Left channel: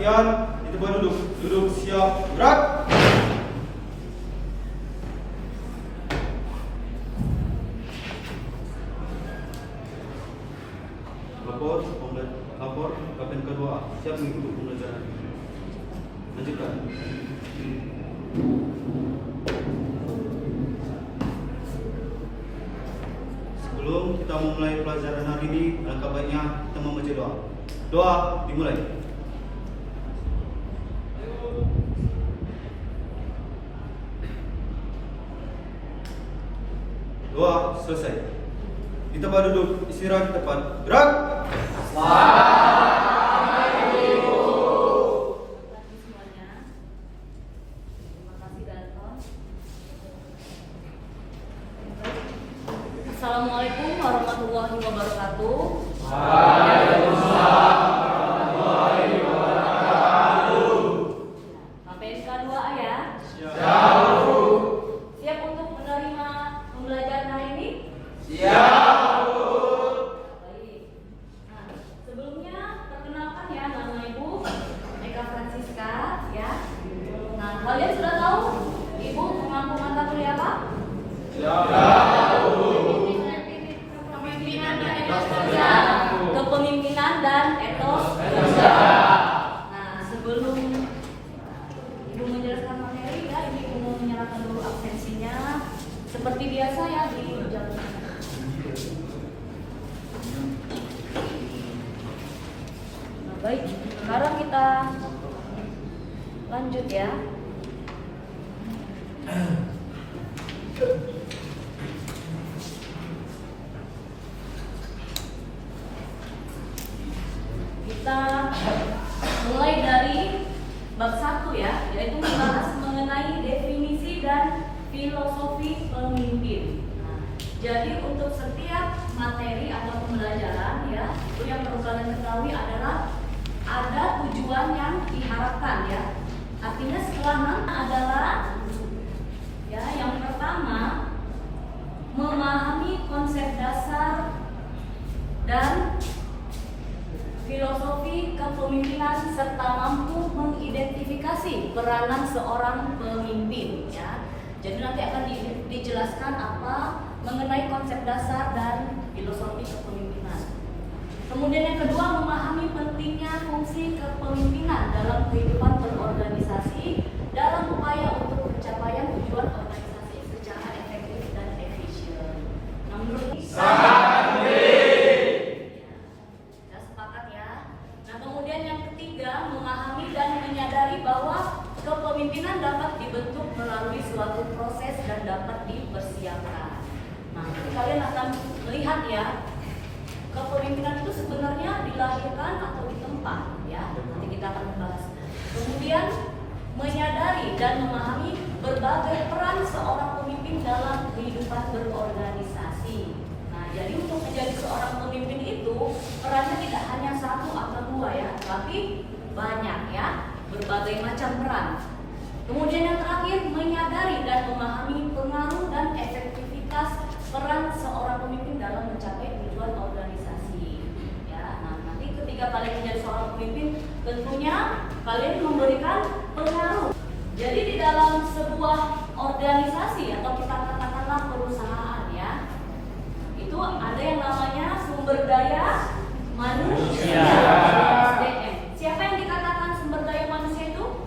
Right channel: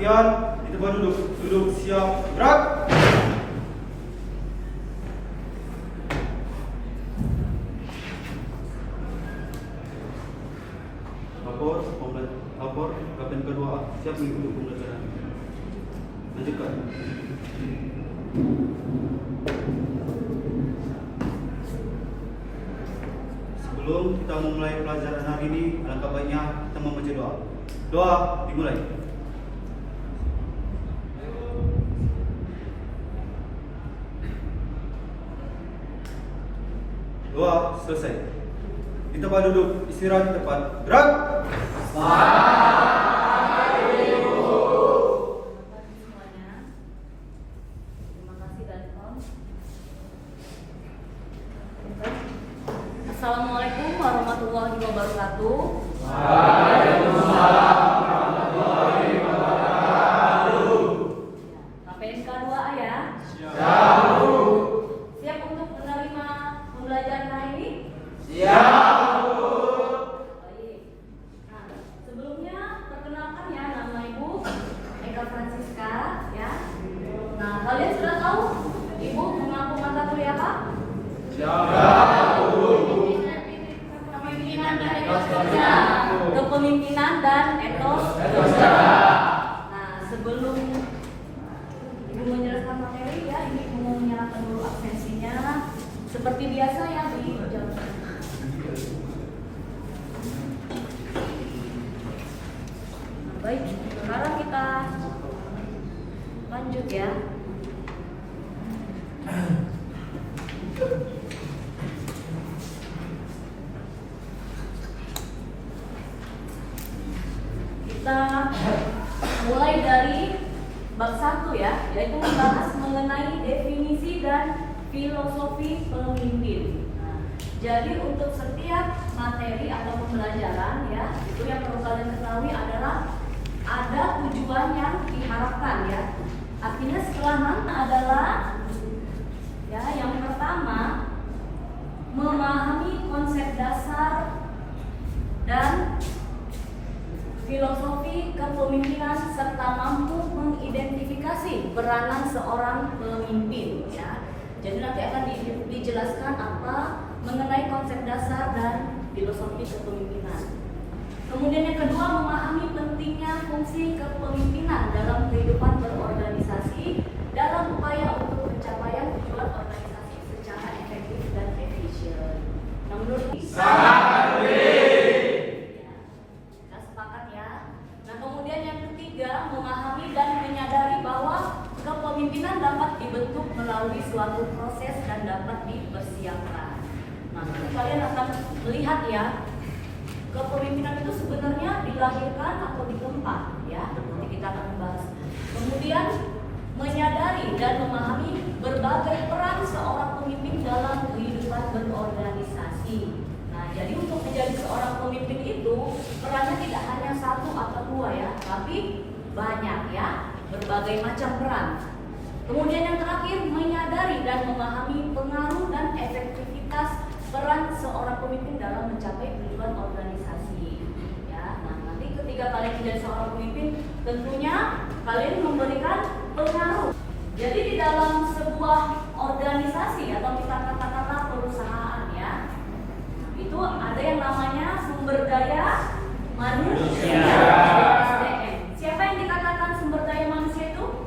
Perhatian, di tempat duduk. Duduk, siap, gerak. Lapor kapten kedua, siap mengikuti pembelajaran. Lanjutkan. Sebelum kita memulai pelajaran hari ini, alangkah baiknya kita membaca doa. Doa dimulai. Doa selesai. Di tempat duduk, istirahat di tempat. Gerak. Assalamualaikum warahmatullahi wabarakatuh. Waalaikumsalam warahmatullahi wabarakatuh. KPN K2A ya. Siap, Bu. Siap untuk menerima pembelajaran hari ini? Siap, Bu. Baik. Nah, sebelumnya perkenalkan ya, nama Ibu Eka Francisca ya. Nah, kalian sudah tahu Ibu mengampu mata kuliah apa? Kepemimpinan dan etos kerja. Nah, sebelum Ibu menjelaskan materi ya, ini Ibu mau menyerahkan dulu absensinya. Seperti biasa ya di jam. Baik, sekarang kita lanjut ya. Kita mulai dari bab 1 ya, yaitu membahas mengenai definisi dan filosofi pemimpin. Nah, jadi untuk setiap materi atau pembelajaran ya, itu yang perlu kalian ketahui adalah ada tujuan yang diharapkan ya. Artinya setelah adalah ya, yang pertama memahami konsep dasar dan filosofi kepemimpinan serta mampu mengidentifikasi peranan seorang pemimpin ya. Jadi nanti akan dijelaskan apa mengenai konsep dasar dan filosofi kepemimpinan. Kemudian yang kedua, memahami pentingnya fungsi kepemimpinan dalam kehidupan berorganisasi dalam upaya untuk pencapaian tujuan organisasi secara efektif dan efisien. Nah, menurut kepemimpinan dapat dibentuk melalui suatu proses dan dapat dipersiapkan. Nah, nanti kalian akan melihat ya, kepemimpinan itu sebenarnya dilahirkan atau ditempa ya. Nanti kita akan membahas. Kemudian menyadari dan memahami berbagai peran seorang pemimpin dalam kehidupan berorganisasi. Nah, jadi untuk menjadi seorang pemimpin itu perannya tidak hanya satu atau dua ya, tapi banyak ya, berbagai macam peran. Kemudian yang terakhir, menyadari dan memahami pengaruh dan efektivitas peran seorang pemimpin dalam mencapai tujuan organisasi. Ya, nah nanti ketika kalian menjadi seorang pemimpin, tentunya kalian memberikan pengaruh. Jadi di dalam sebuah organisasi atau kita katakanlah perusahaan ya, itu ada yang namanya sumber daya manusia. SDM. Siapa yang dikatakan sumber daya manusia itu?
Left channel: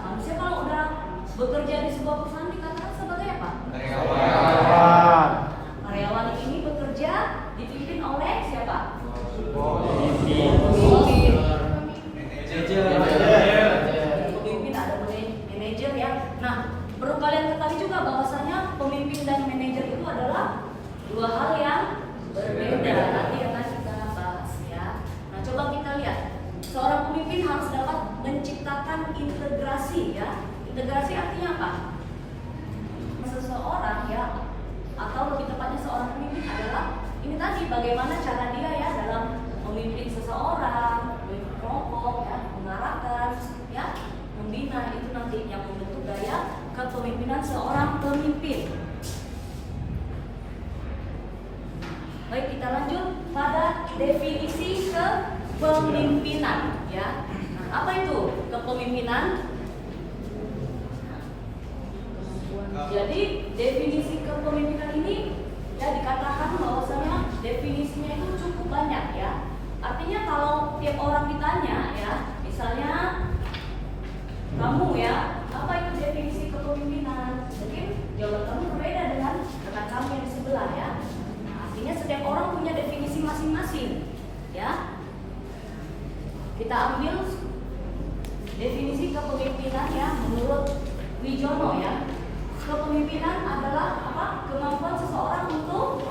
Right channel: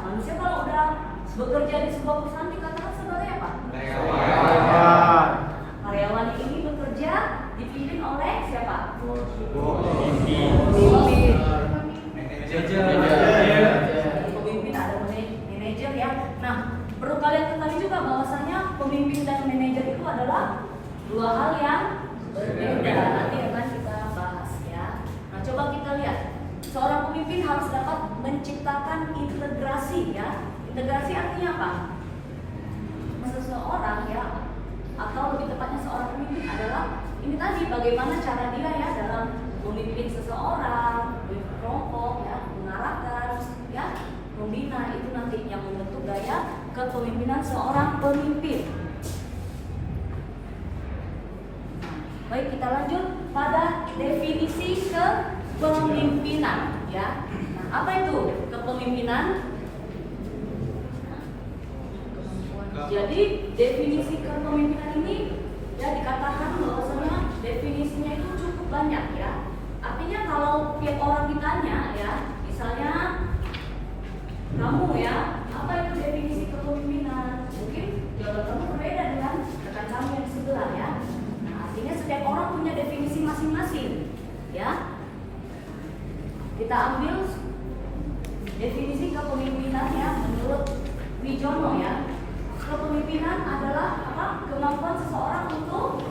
Manusia kalau udah bekerja di sebuah perusahaan dikatakan sebagai apa? Karyawan ini bekerja dipimpin oleh siapa? Pemimpin ada manajer ya. Nah, perlu kalian ketahui juga bahwasanya pemimpin dan manajer itu adalah dua hal yang berbeda. Nanti akan kita bahas ya. Nah, coba kita lihat. Seorang pemimpin harus dapat menciptakan integrasi ya. Integrasi artinya apa? Seseorang ya, atau lebih tepatnya seorang pemimpin adalah ini tadi bagaimana cara dia ya dalam memimpin seseorang, kelompok ya, mengarahkan ya, membina, itu nanti yang membentuk gaya kepemimpinan seorang pemimpin. Baik, kita lanjut pada definisi kepemimpinan ya. Nah, apa itu kepemimpinan? Jadi definisi kepemimpinan ini ya dikatakan bahwasanya definisinya itu cukup banyak ya. Artinya kalau tiap orang ditanya ya, misalnya kamu ya, apa itu definisi kepemimpinan? Mungkin jawaban kamu berbeda dengan rekan kamu yang di sebelah ya. Nah, artinya setiap orang punya definisi masing-masing ya. Kita ambil definisi kepemimpinan ya menurut Wijono ya. Kepemimpinan adalah apa? Kemampuan seseorang untuk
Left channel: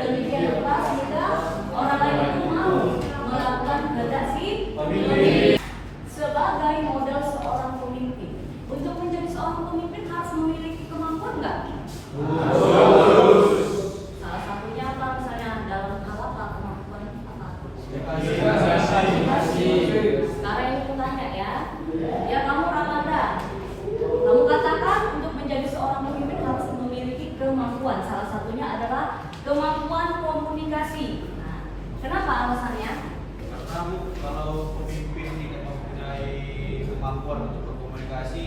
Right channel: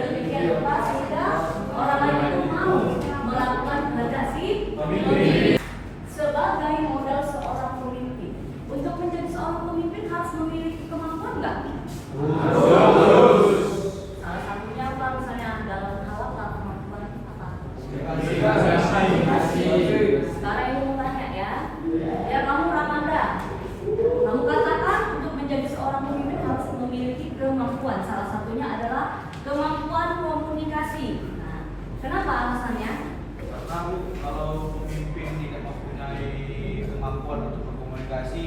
sedemikian rupa sehingga orang lain itu mau melakukan kehendak si pemimpin. Sebagai model seorang pemimpin, untuk menjadi seorang pemimpin harus memiliki kemampuan nggak? Salah satunya apa? Misalnya dalam hal apa kemampuan apa? Sekarang ini mau tanya ya. Ya kamu Ramanda, kamu katakan untuk menjadi seorang pemimpin harus memiliki kemampuan. Salah satunya adalah kemampuan komunikasi. Nah, kenapa alasannya? Karena Bu, kalau pemimpin tidak mempunyai kemampuan untuk berkomunikasi,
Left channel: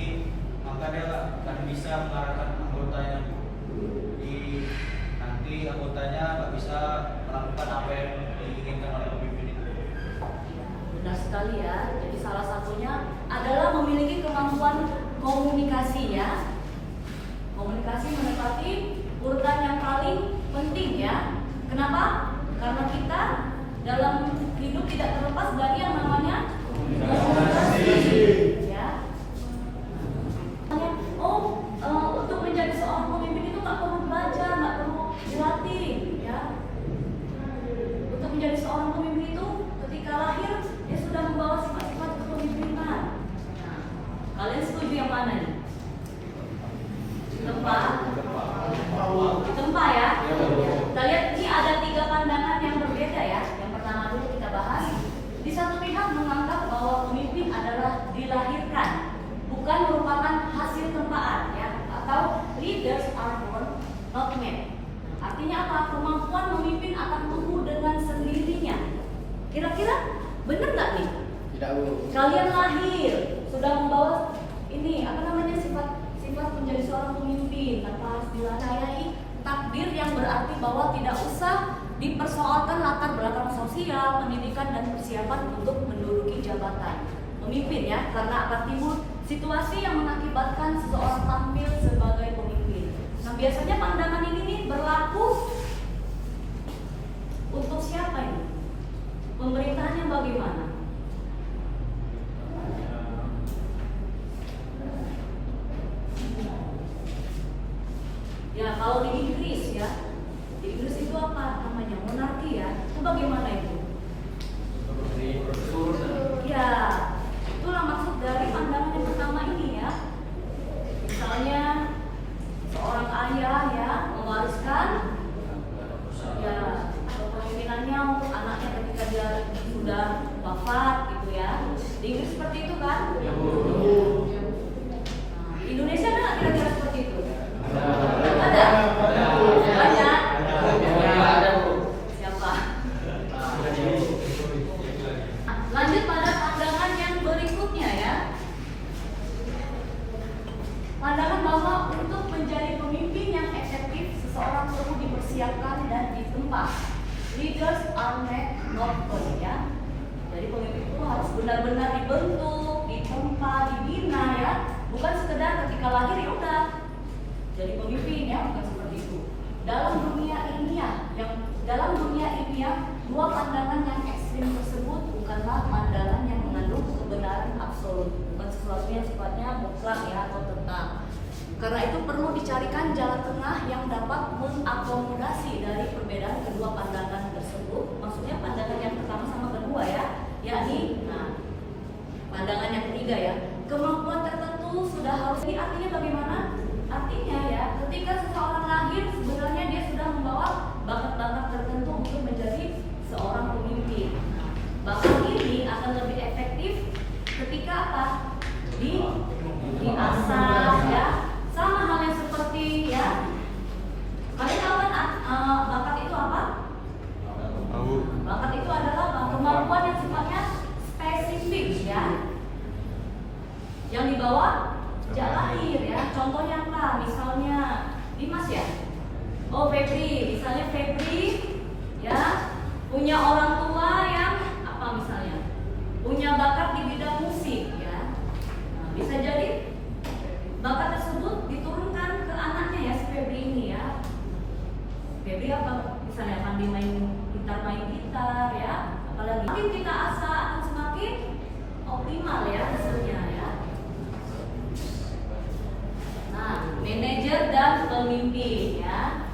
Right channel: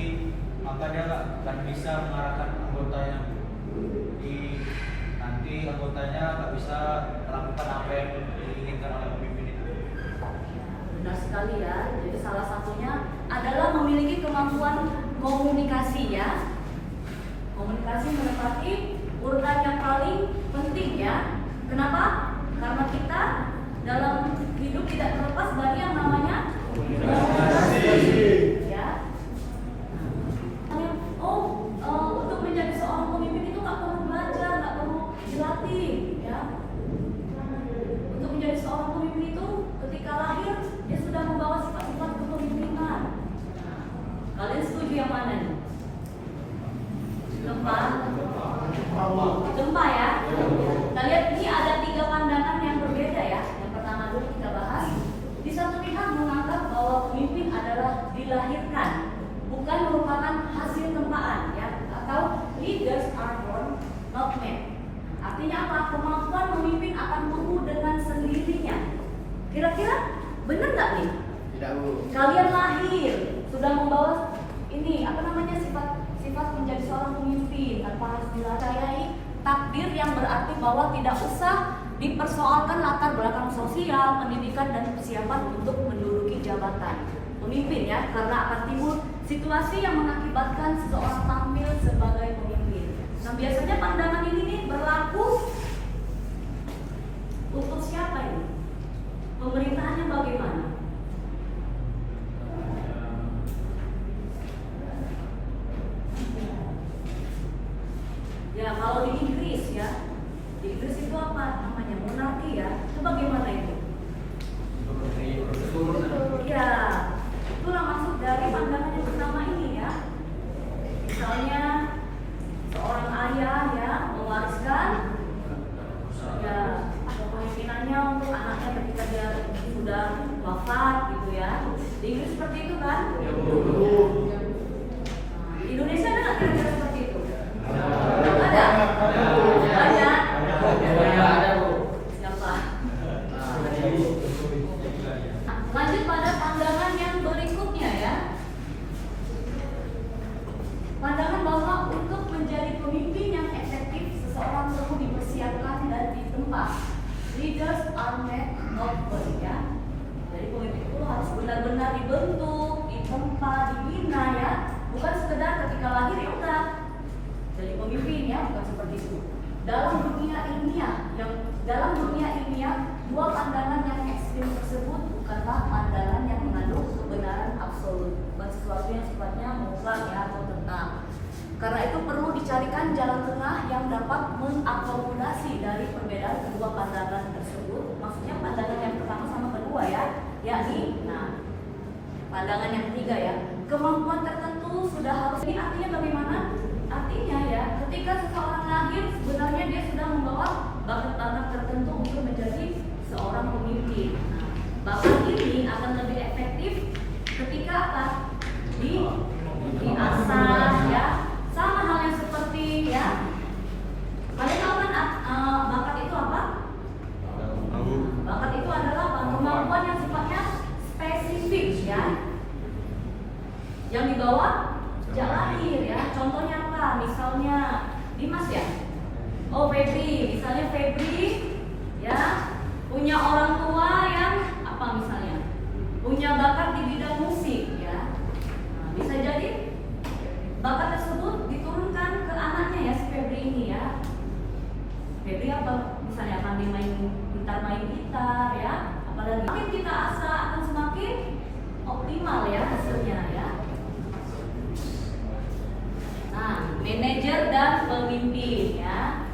maka dia nggak akan bisa mengarahkan anggotanya Bu. Jadi nanti anggotanya nggak bisa melakukan apa yang diinginkan oleh pemimpin itu. Benar sekali ya. Jadi salah satunya adalah memiliki kemampuan komunikasi ya. Komunikasi menempati urutan yang paling penting ya. Kenapa? Karena kita dalam hidup tidak terlepas dari yang namanya komunikasi ya. Untuk menjadi seorang pemimpin itu nggak perlu belajar, nggak perlu dilatih ya. Untuk menjadi seorang pemimpin itu ketika lahir dia sudah membawa sifat-sifat kepemimpinan. Nah, kalian setuju yang mana nih? Tempa ya. Kita lihat ini ada 3 pandangan yang berbeda ya. Yang pertama dulu kita bahas. Di satu pihak menganggap bahwa pemimpin adalah dilahirkan, bukan merupakan hasil tempaan ya. Atau leaders are born, not made. Artinya apa? Kemampuan memimpin akan tumbuh dengan sendirinya. Kira-kira benar nggak nih? Tidak Bu. Kalian lahir sudah membawa ini apa namanya sifat menjadi seorang pemimpin tanpa harus dilayani takdir yang berarti bahwa tidak usah dipersoalkan latar belakang sosial, pendidikan dan persiapan untuk menduduki jabatan pemimpin ya, karena akan timbul situasi yang mengakibatkan seseorang tampil sebagai pemimpin. Nah, biasanya pandangan ini berlaku untuk siapa ini? Pemerintahannya bagaimana? Ya kalau di Inggris ya, di Inggris itu apa namanya monarki ya, itu bagaimana itu? Ya, itulah maksud dari pandangan yang pertama ini ya. Misalnya seorang ayah ya mewariskan ya kepemimpinannya untuk anaknya ketika dia sudah wafat gitu ya. Di Inggris seperti itu kan? Di Indonesia ada nggak kira-kira seperti itu? Ada? Banyak? Siapa? Lanjut pada pandangan yang berikutnya ya. Pandangan bahwa untuk menjadi pemimpin yang efektif, seseorang perlu dipersiapkan dan ditempa. Leaders are made, not born ya. Jadi pemimpin itu harus benar-benar dibentuk, ditempa, dibina ya. Bukan sekedar ketika lahir ya udah jadi pemimpin ya, bukan seperti itu. Dalam dunia ilmiah, 2 pandangan yang ekstrim tersebut bukanlah pandangan yang mengandung kebenaran absolut, bukan sesuatu yang sifatnya mutlak ya atau tetap. Karena itu perlu dicarikan jalan tengah yang dapat mengakomodasi dari perbedaan kedua pandangan tersebut. Maksudnya pandangan yang pertama sama kedua ya, yakni pandangan yang ketiga ya, kemampuan tertentu sudah harus. Ini artinya bagaimana? Artinya ya, ketika seseorang lahir sebenarnya dia sudah membawa bakat-bakat tertentu untuk menjadi seorang pemimpin. Nah, bakat ini akan lebih efektif ketika apa? Diasah ya. Sama halnya seperti ya. Kalian tahu kan Oh Febri, misalnya Febri ya punya orang tua yang apa misalnya punya bakat di bidang musik ya. Nah, bisa jadi bakat tersebut diturunkan ke anaknya ya si Febri ini ya. Febri apa misalnya pandai main gitar ya, apalagi makin kita asah akan semakin optimal ya hasilnya ya. Nah, manajer dan pemimpin ya.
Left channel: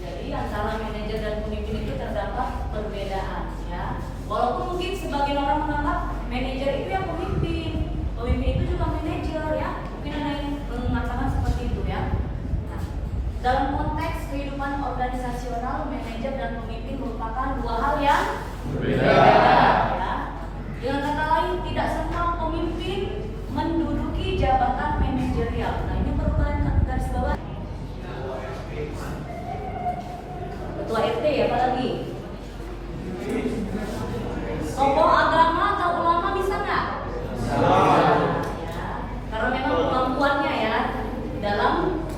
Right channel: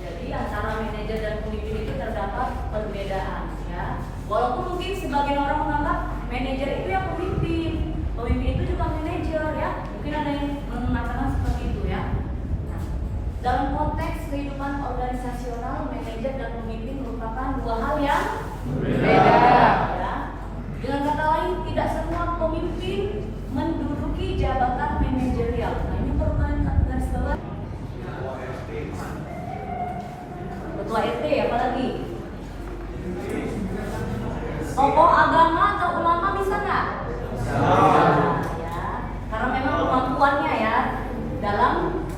Jadi antara manajer dan pemimpin itu terdapat perbedaan ya. Walaupun mungkin sebagian orang menganggap manajer itu ya pemimpin itu juga manajer ya. Mungkin ada yang mengatakan seperti itu ya. Nah, dalam konteks kehidupan organisasional, manajer dan pemimpin merupakan dua hal yang berbeda ya. Dengan kata lain, tidak semua pemimpin menduduki jabatan manajerial. Nah, ini perlu garis bawah. Ketua RT apalagi? Tokoh agama atau ulama bisa nggak? Ya, karena memang kemampuannya ya dalam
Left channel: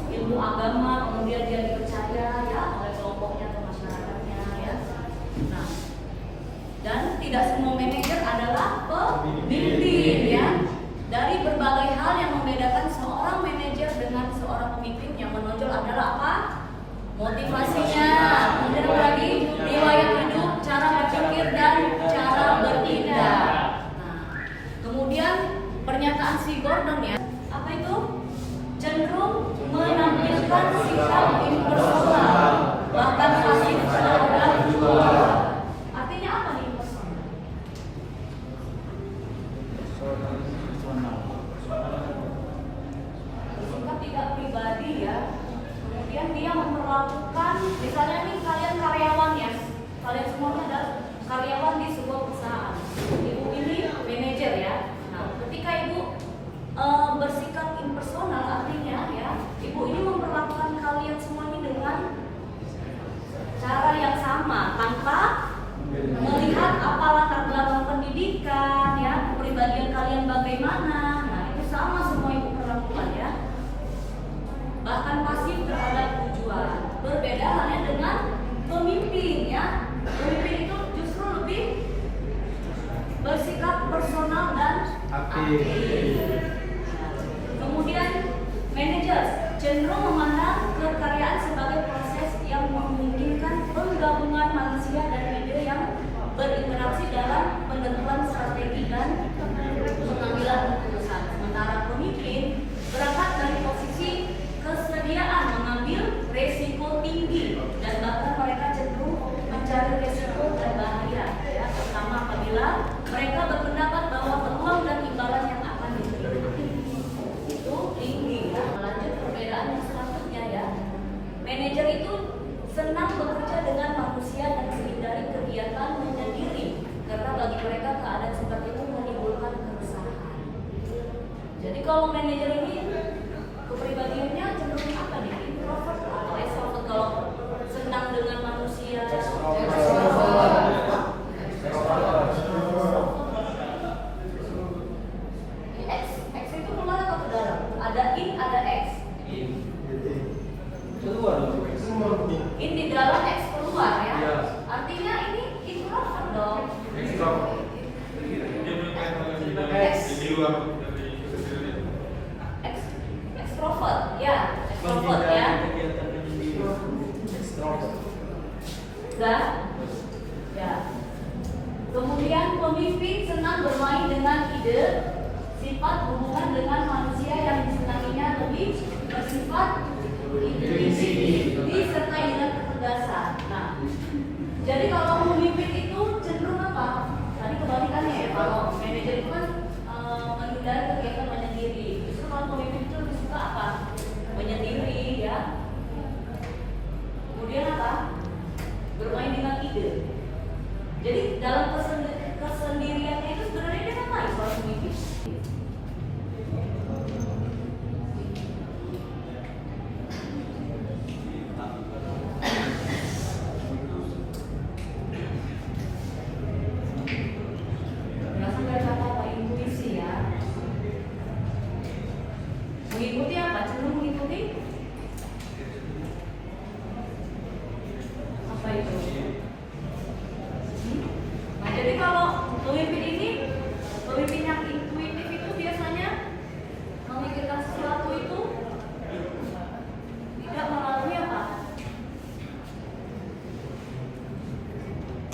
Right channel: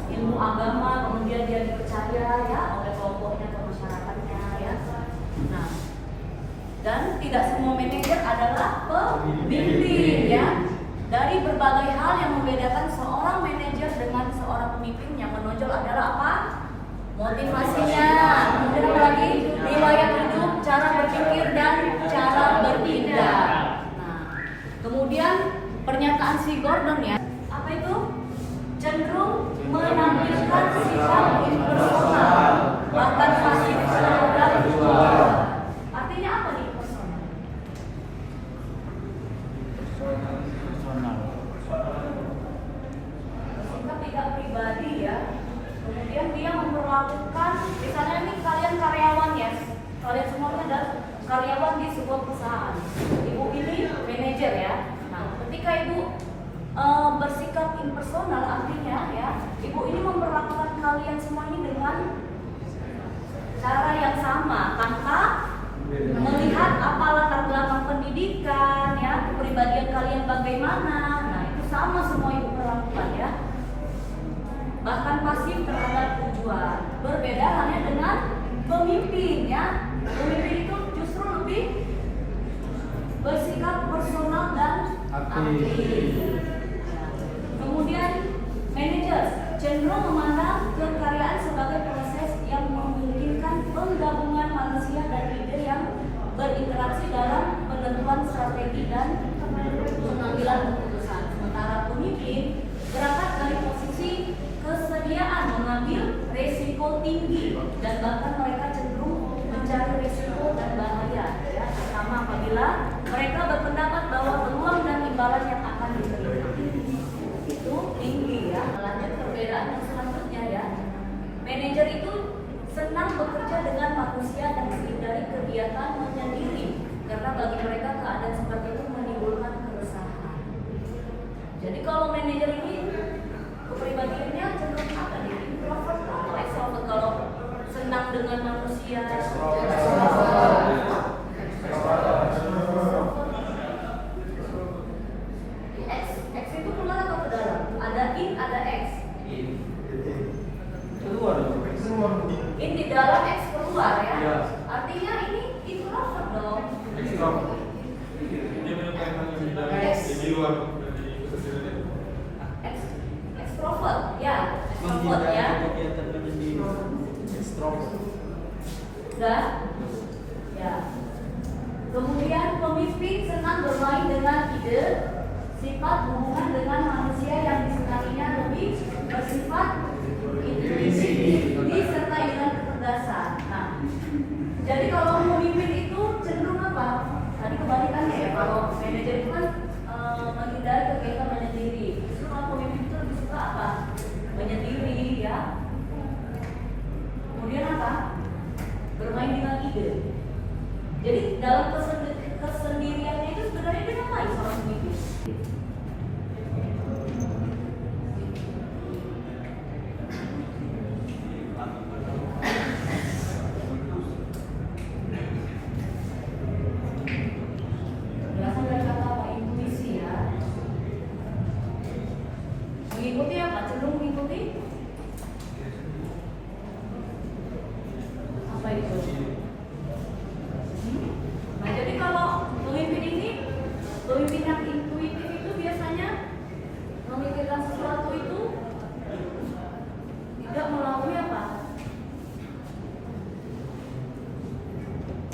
ilmu agama, kemudian dia dipercaya ya oleh kelompoknya atau masyarakatnya ya. Nah, dan tidak semua manajer adalah pemimpin ya. Dari berbagai hal yang membedakan seorang manajer dengan seorang pemimpin yang menonjol adalah apa? Motivasinya, kemudian apa lagi? Riwayat hidup, cara berpikir dan cara bertindak. Nah, kemudian pernyataan si Gordon ya, apa itu? Cenderung menampilkan sikap impersonal, bahkan pasif terhadap keluarga. Artinya apa nih impersonal? Sikap tidak pribadi ya. Kemudian dia memperlakukan, misalnya ini kalian karyawan ya, kalian semuanya adalah karyawan di sebuah perusahaan. Ibu ini manajer ya. Nah, ketika ibu bersikap impersonal, artinya ya, ibu ini memperlakukan kalian semua ini dengan cara yang sama, tanpa melihat apa latar belakang pendidikan ya, kepribadian kalian bagaimana. Nah, itu sama semua ibu perlakukan ya. Bahkan pasif terhadap tujuan. Berbeda halnya dengan pemimpin ya. Pemimpin itu justru lebih bersikap personal dan aktif. Nah, kemudian manajer cenderung memandang kekaryaan sebagai proses yang memungkinkan penggabungan manusia dan ide yang berinteraksi dalam penentuan strategi dan pengambilan keputusan. Sementara pemimpin berangkat dari posisi kesediaan mengambil resiko tinggi dan bahkan mereka cenderung mencari resiko dan bahaya ya, terutama apabila mereka berpendapat bahwa peluang dan imbalan yang akan diterima itu tinggi ya. Lanjut perbedaan yang selanjutnya ya, manajer itu senang bekerja dengan manusia dan menghindari kegiatan menyendiri karena bagi mereka keadaan seperti itu menimbulkan keresahan. Jadi kalau manajer ini kepribadiannya cenderung apa nih? Introvert atau extrovert kalau senang dengan manusia? X itu keluar atau ke dalam? Ada in, ada X. In di dalam, X keluar ya. Artinya ini introvert dong. Extrovert ya, extrovert ya. Sudah? Ya. Kemudian pemimpin senang bermain dengan ide, sifat hubungan dengan manusia yang disenanginya lebih bersifat individu serta dengan ketegasan. Nah, jadi kalau pemimpin itu cenderung apa? Tadi kebalikannya ya. Kalau manajer itu kan menghindari kegiatan menyendiri. Justru kalau pemimpin itu lebih suka apa? Menyendiri ya. Kemudian apa? Bermain dengan ide. Jadi dalam kesendiriannya itu sebenarnya dia ngapain seorang pemimpin? Berasal dari kata apa? Intuisi ya. Mengikuti apa? Cenderung mengikuti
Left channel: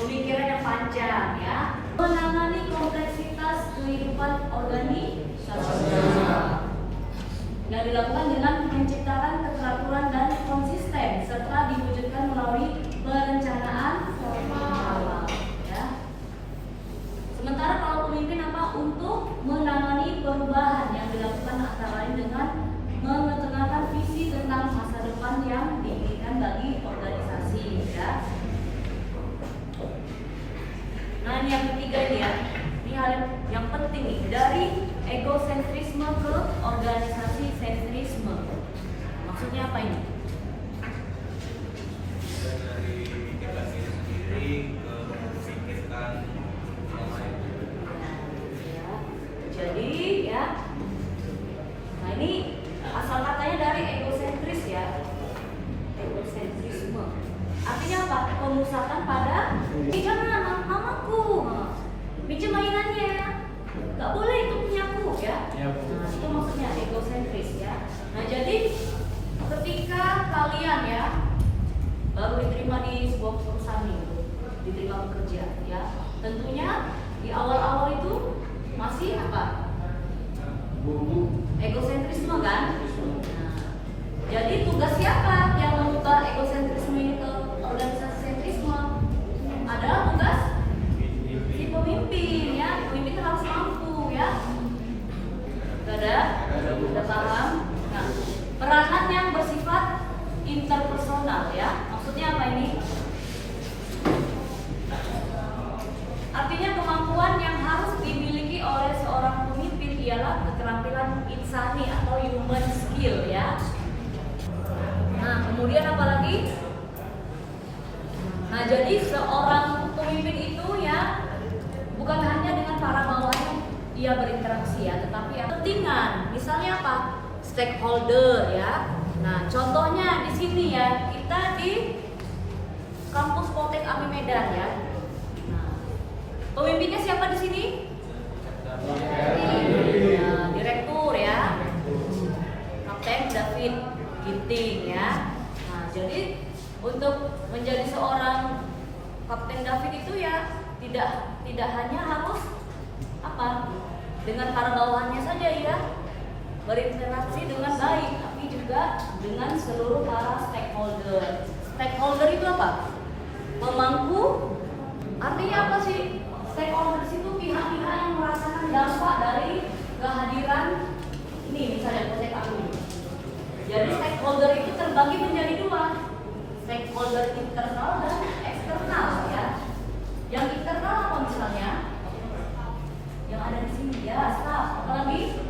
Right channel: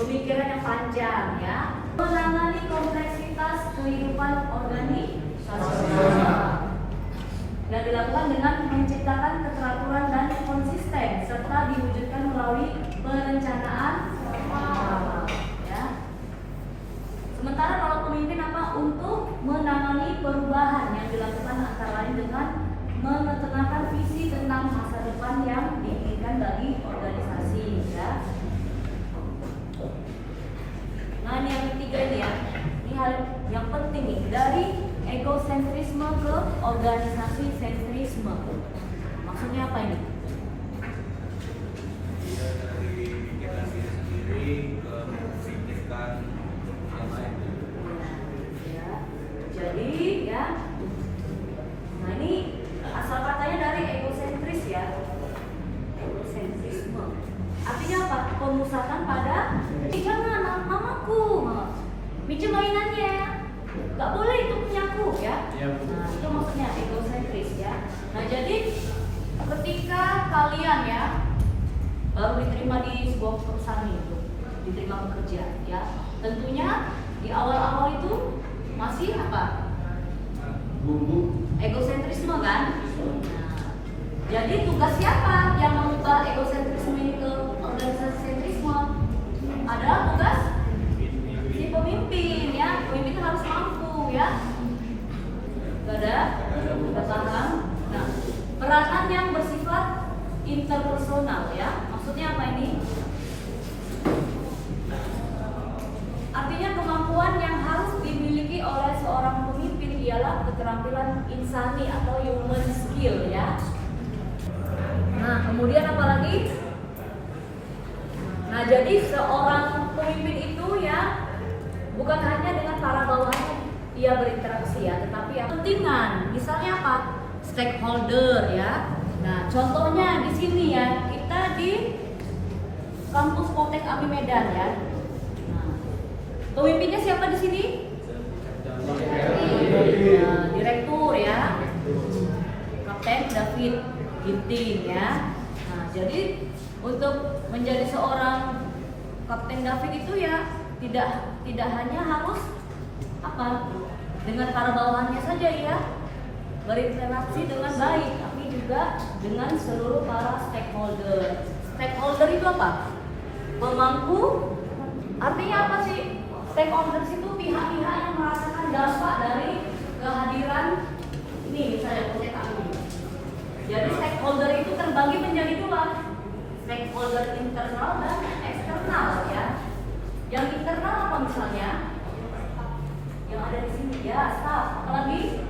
pemikiran yang panjang ya. Menangani kompleksitas kehidupan organisasi. Dan dilakukan dengan menciptakan keteraturan dan konsisten serta diwujudkan melalui perencanaan ya. Sementara kalau pemimpin apa? Untuk menangani perubahan yang dilakukan antara lain dengan mengetengahkan visi tentang masa depan yang diinginkan bagi organisasi ya. Nah ini yang ketiga ini ya, ini hal yang penting nih, dari egosentrisme ke organisasi sentrisme. Maksudnya apa ini? Dari pikiran diri sendiri ke memikirkan yang lain. Ya. Jadi ya, nah ini asal katanya dari egosentris ya, egosentrisme. Artinya apa? Pemusatan pada jangan mamaku, minjem mainannya, nggak boleh itu punyaku ya. Nah, itu maksudnya egosentris ya. Nah jadi ketika kalian ya baru diterima di sebuah perusahaan itu, diterima bekerja ya, tentunya di awal-awal itu masih apa? Egosentrisme kan? Nah, jadi tugas siapa yang mengubah egosentrisme ini ke organisasi sentrisme? Adalah tugas si pemimpin ya. Pemimpin itu harus mampu ya. Udah paham? Nah, peranan yang bersifat interpersonal ya. Maksudnya apa ini? Artinya kemampuan yang harus dimiliki oleh seorang pemimpin ialah keterampilan insani atau human skill ya. Nah, kemudian apa lagi? Nah, jadi seorang pemimpin itu ya bukan hanya dengan para bawahannya dia berinteraksi ya, tetapi yang pentingan. Misalnya apa? Stakeholder ya. Nah, contohnya di sini ya, kita di kampus Poltek Ami Medan ya. Nah, pemimpinnya siapa di sini? Ya, direktur ya, Kapten David Ginting ya. Nah, jadi untuk menjadi seorang Kapten David itu ya tidak hanya harus apa dengan para bawahannya saja ya berinteraksi dengan baik, tapi juga dengan seluruh para stakeholder. Stakeholder itu apa? Pemangku. Artinya apa sih? Stakeholder itu pihak-pihak yang merasakan dampak dari kehadiran ini misalnya PT kami. Jadi stakeholder itu terbagi menjadi dua, stakeholder internal dan eksternal ya. Yang internal apa misalnya? Yang ada di sini ya, staff, apalagi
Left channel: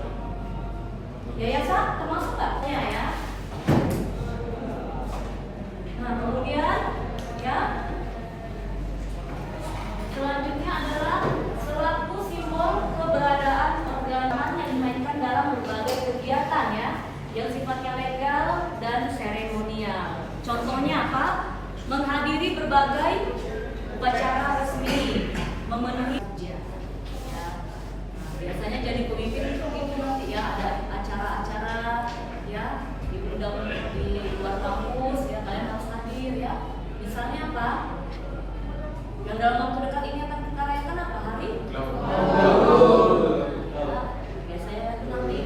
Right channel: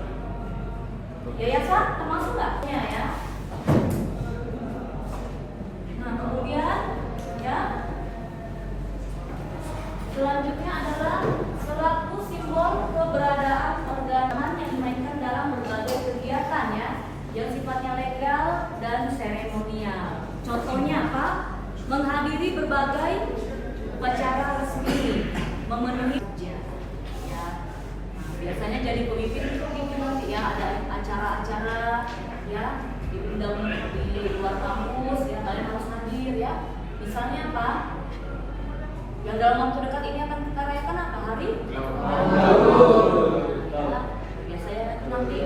yayasan termasuk nggak ya? Nah kemudian ya selanjutnya adalah selaku simbol keberadaan organan yang dimainkan dalam berbagai kegiatan ya, yang sifatnya legal dan seremonial. Contohnya apa? Menghadiri berbagai upacara resmi, memenuhi ya. Nah, biasanya jadi pemimpin itu gitu nanti ya, ada acara-acara ya diundang di luar kampus ya, kalian harus hadir ya. Misalnya apa? Yang dalam waktu dekat ini akan kita rayakan apa? Hari ya, biasanya itu nanti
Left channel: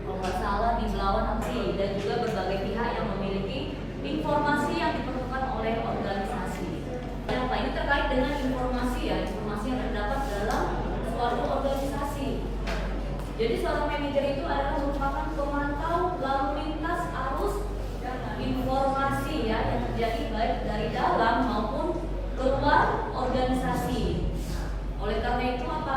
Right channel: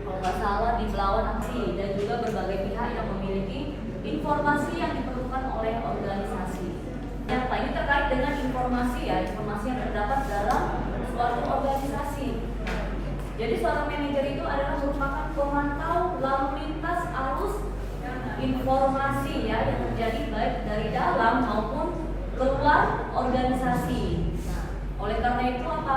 kalau nggak salah di Belawan Aksi, dan juga berbagai pihak yang memiliki informasi yang diperlukan oleh organisasi. Yang apa? Ini terkait dengan informasi ya, informasi yang terdapat dalam suatu organisasi. Jadi seorang manajer itu adalah merupakan pemantau lalu lintas arus informasi ya yang terjadi baik dari dalam maupun keluar organisasi. Nah, oleh karena itu apa?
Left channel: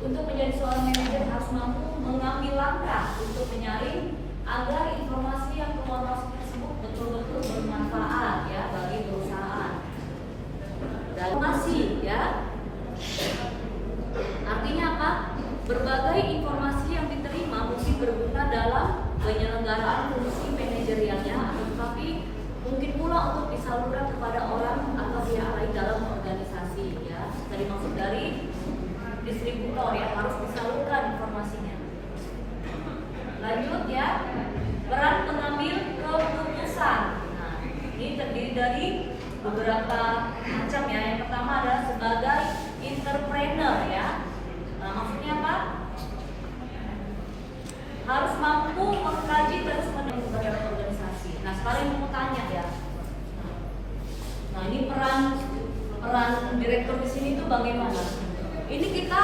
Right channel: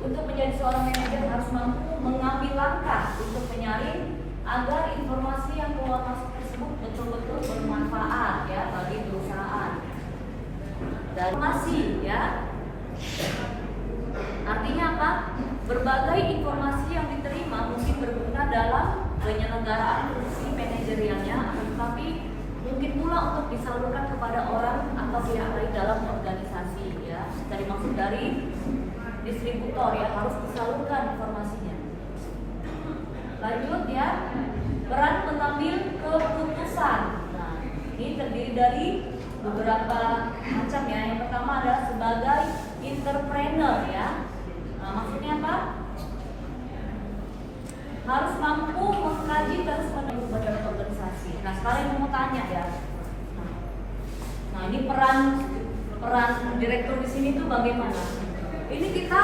Untuk menjadi seorang manajer harus mampu mengambil langkah untuk menyaring agar informasi yang keluar masuk tersebut betul-betul bermanfaat ya bagi perusahaan. Dan masih ya, artinya apa? Berbagai informasi yang diterima mungkin berguna dalam penyelenggaraan fungsi manajerialnya, tetapi mungkin pula untuk disalurkan kepada orang atau pihak lain dalam organisasi ya. Tadi maksud dari distributor ya, harus disalurkan informasinya. Lanjut ya, peran pengambil keputusan. Nah, ini terdiri dari beberapa macam ya. Yang pertama adalah sebagai entrepreneur ya. Nah, maksudnya apa? Harus mampu mengkaji terus menerus dalam organisasi. Nah, sekarang mau tanya ya. Nah, ini peran direktur di sini tuh bagaimana? Ini kita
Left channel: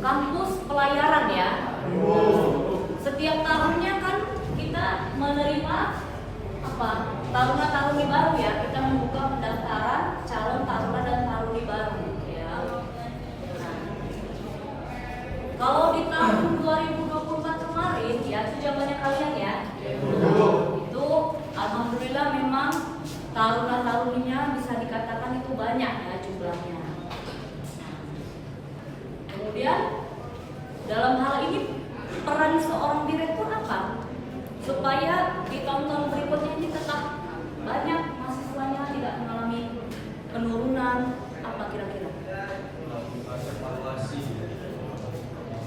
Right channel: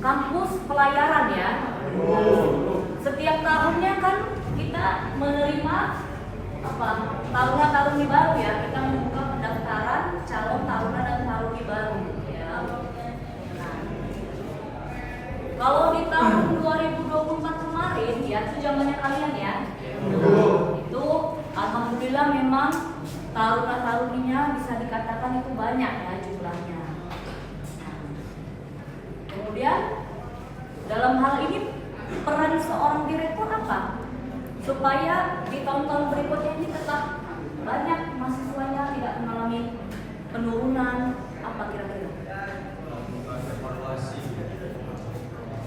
kampus pelayaran ya. Setiap tahunnya kan kita menerima taruna-taruni baru ya. Kita membuka pendaftaran calon taruna dan taruni baru ya. Nah, kalau di tahun 2024 kemarin ya, itu zamannya kalian ya. Itu alhamdulillah memang taruna-taruninya bisa dikatakan itu banyak ya jumlahnya. Kemudian dalam hal ini peran seorang direktur apa? Supaya di tahun-tahun berikutnya ini tetap banyak mahasiswanya tidak mengalami penurunan, apa kira-kira?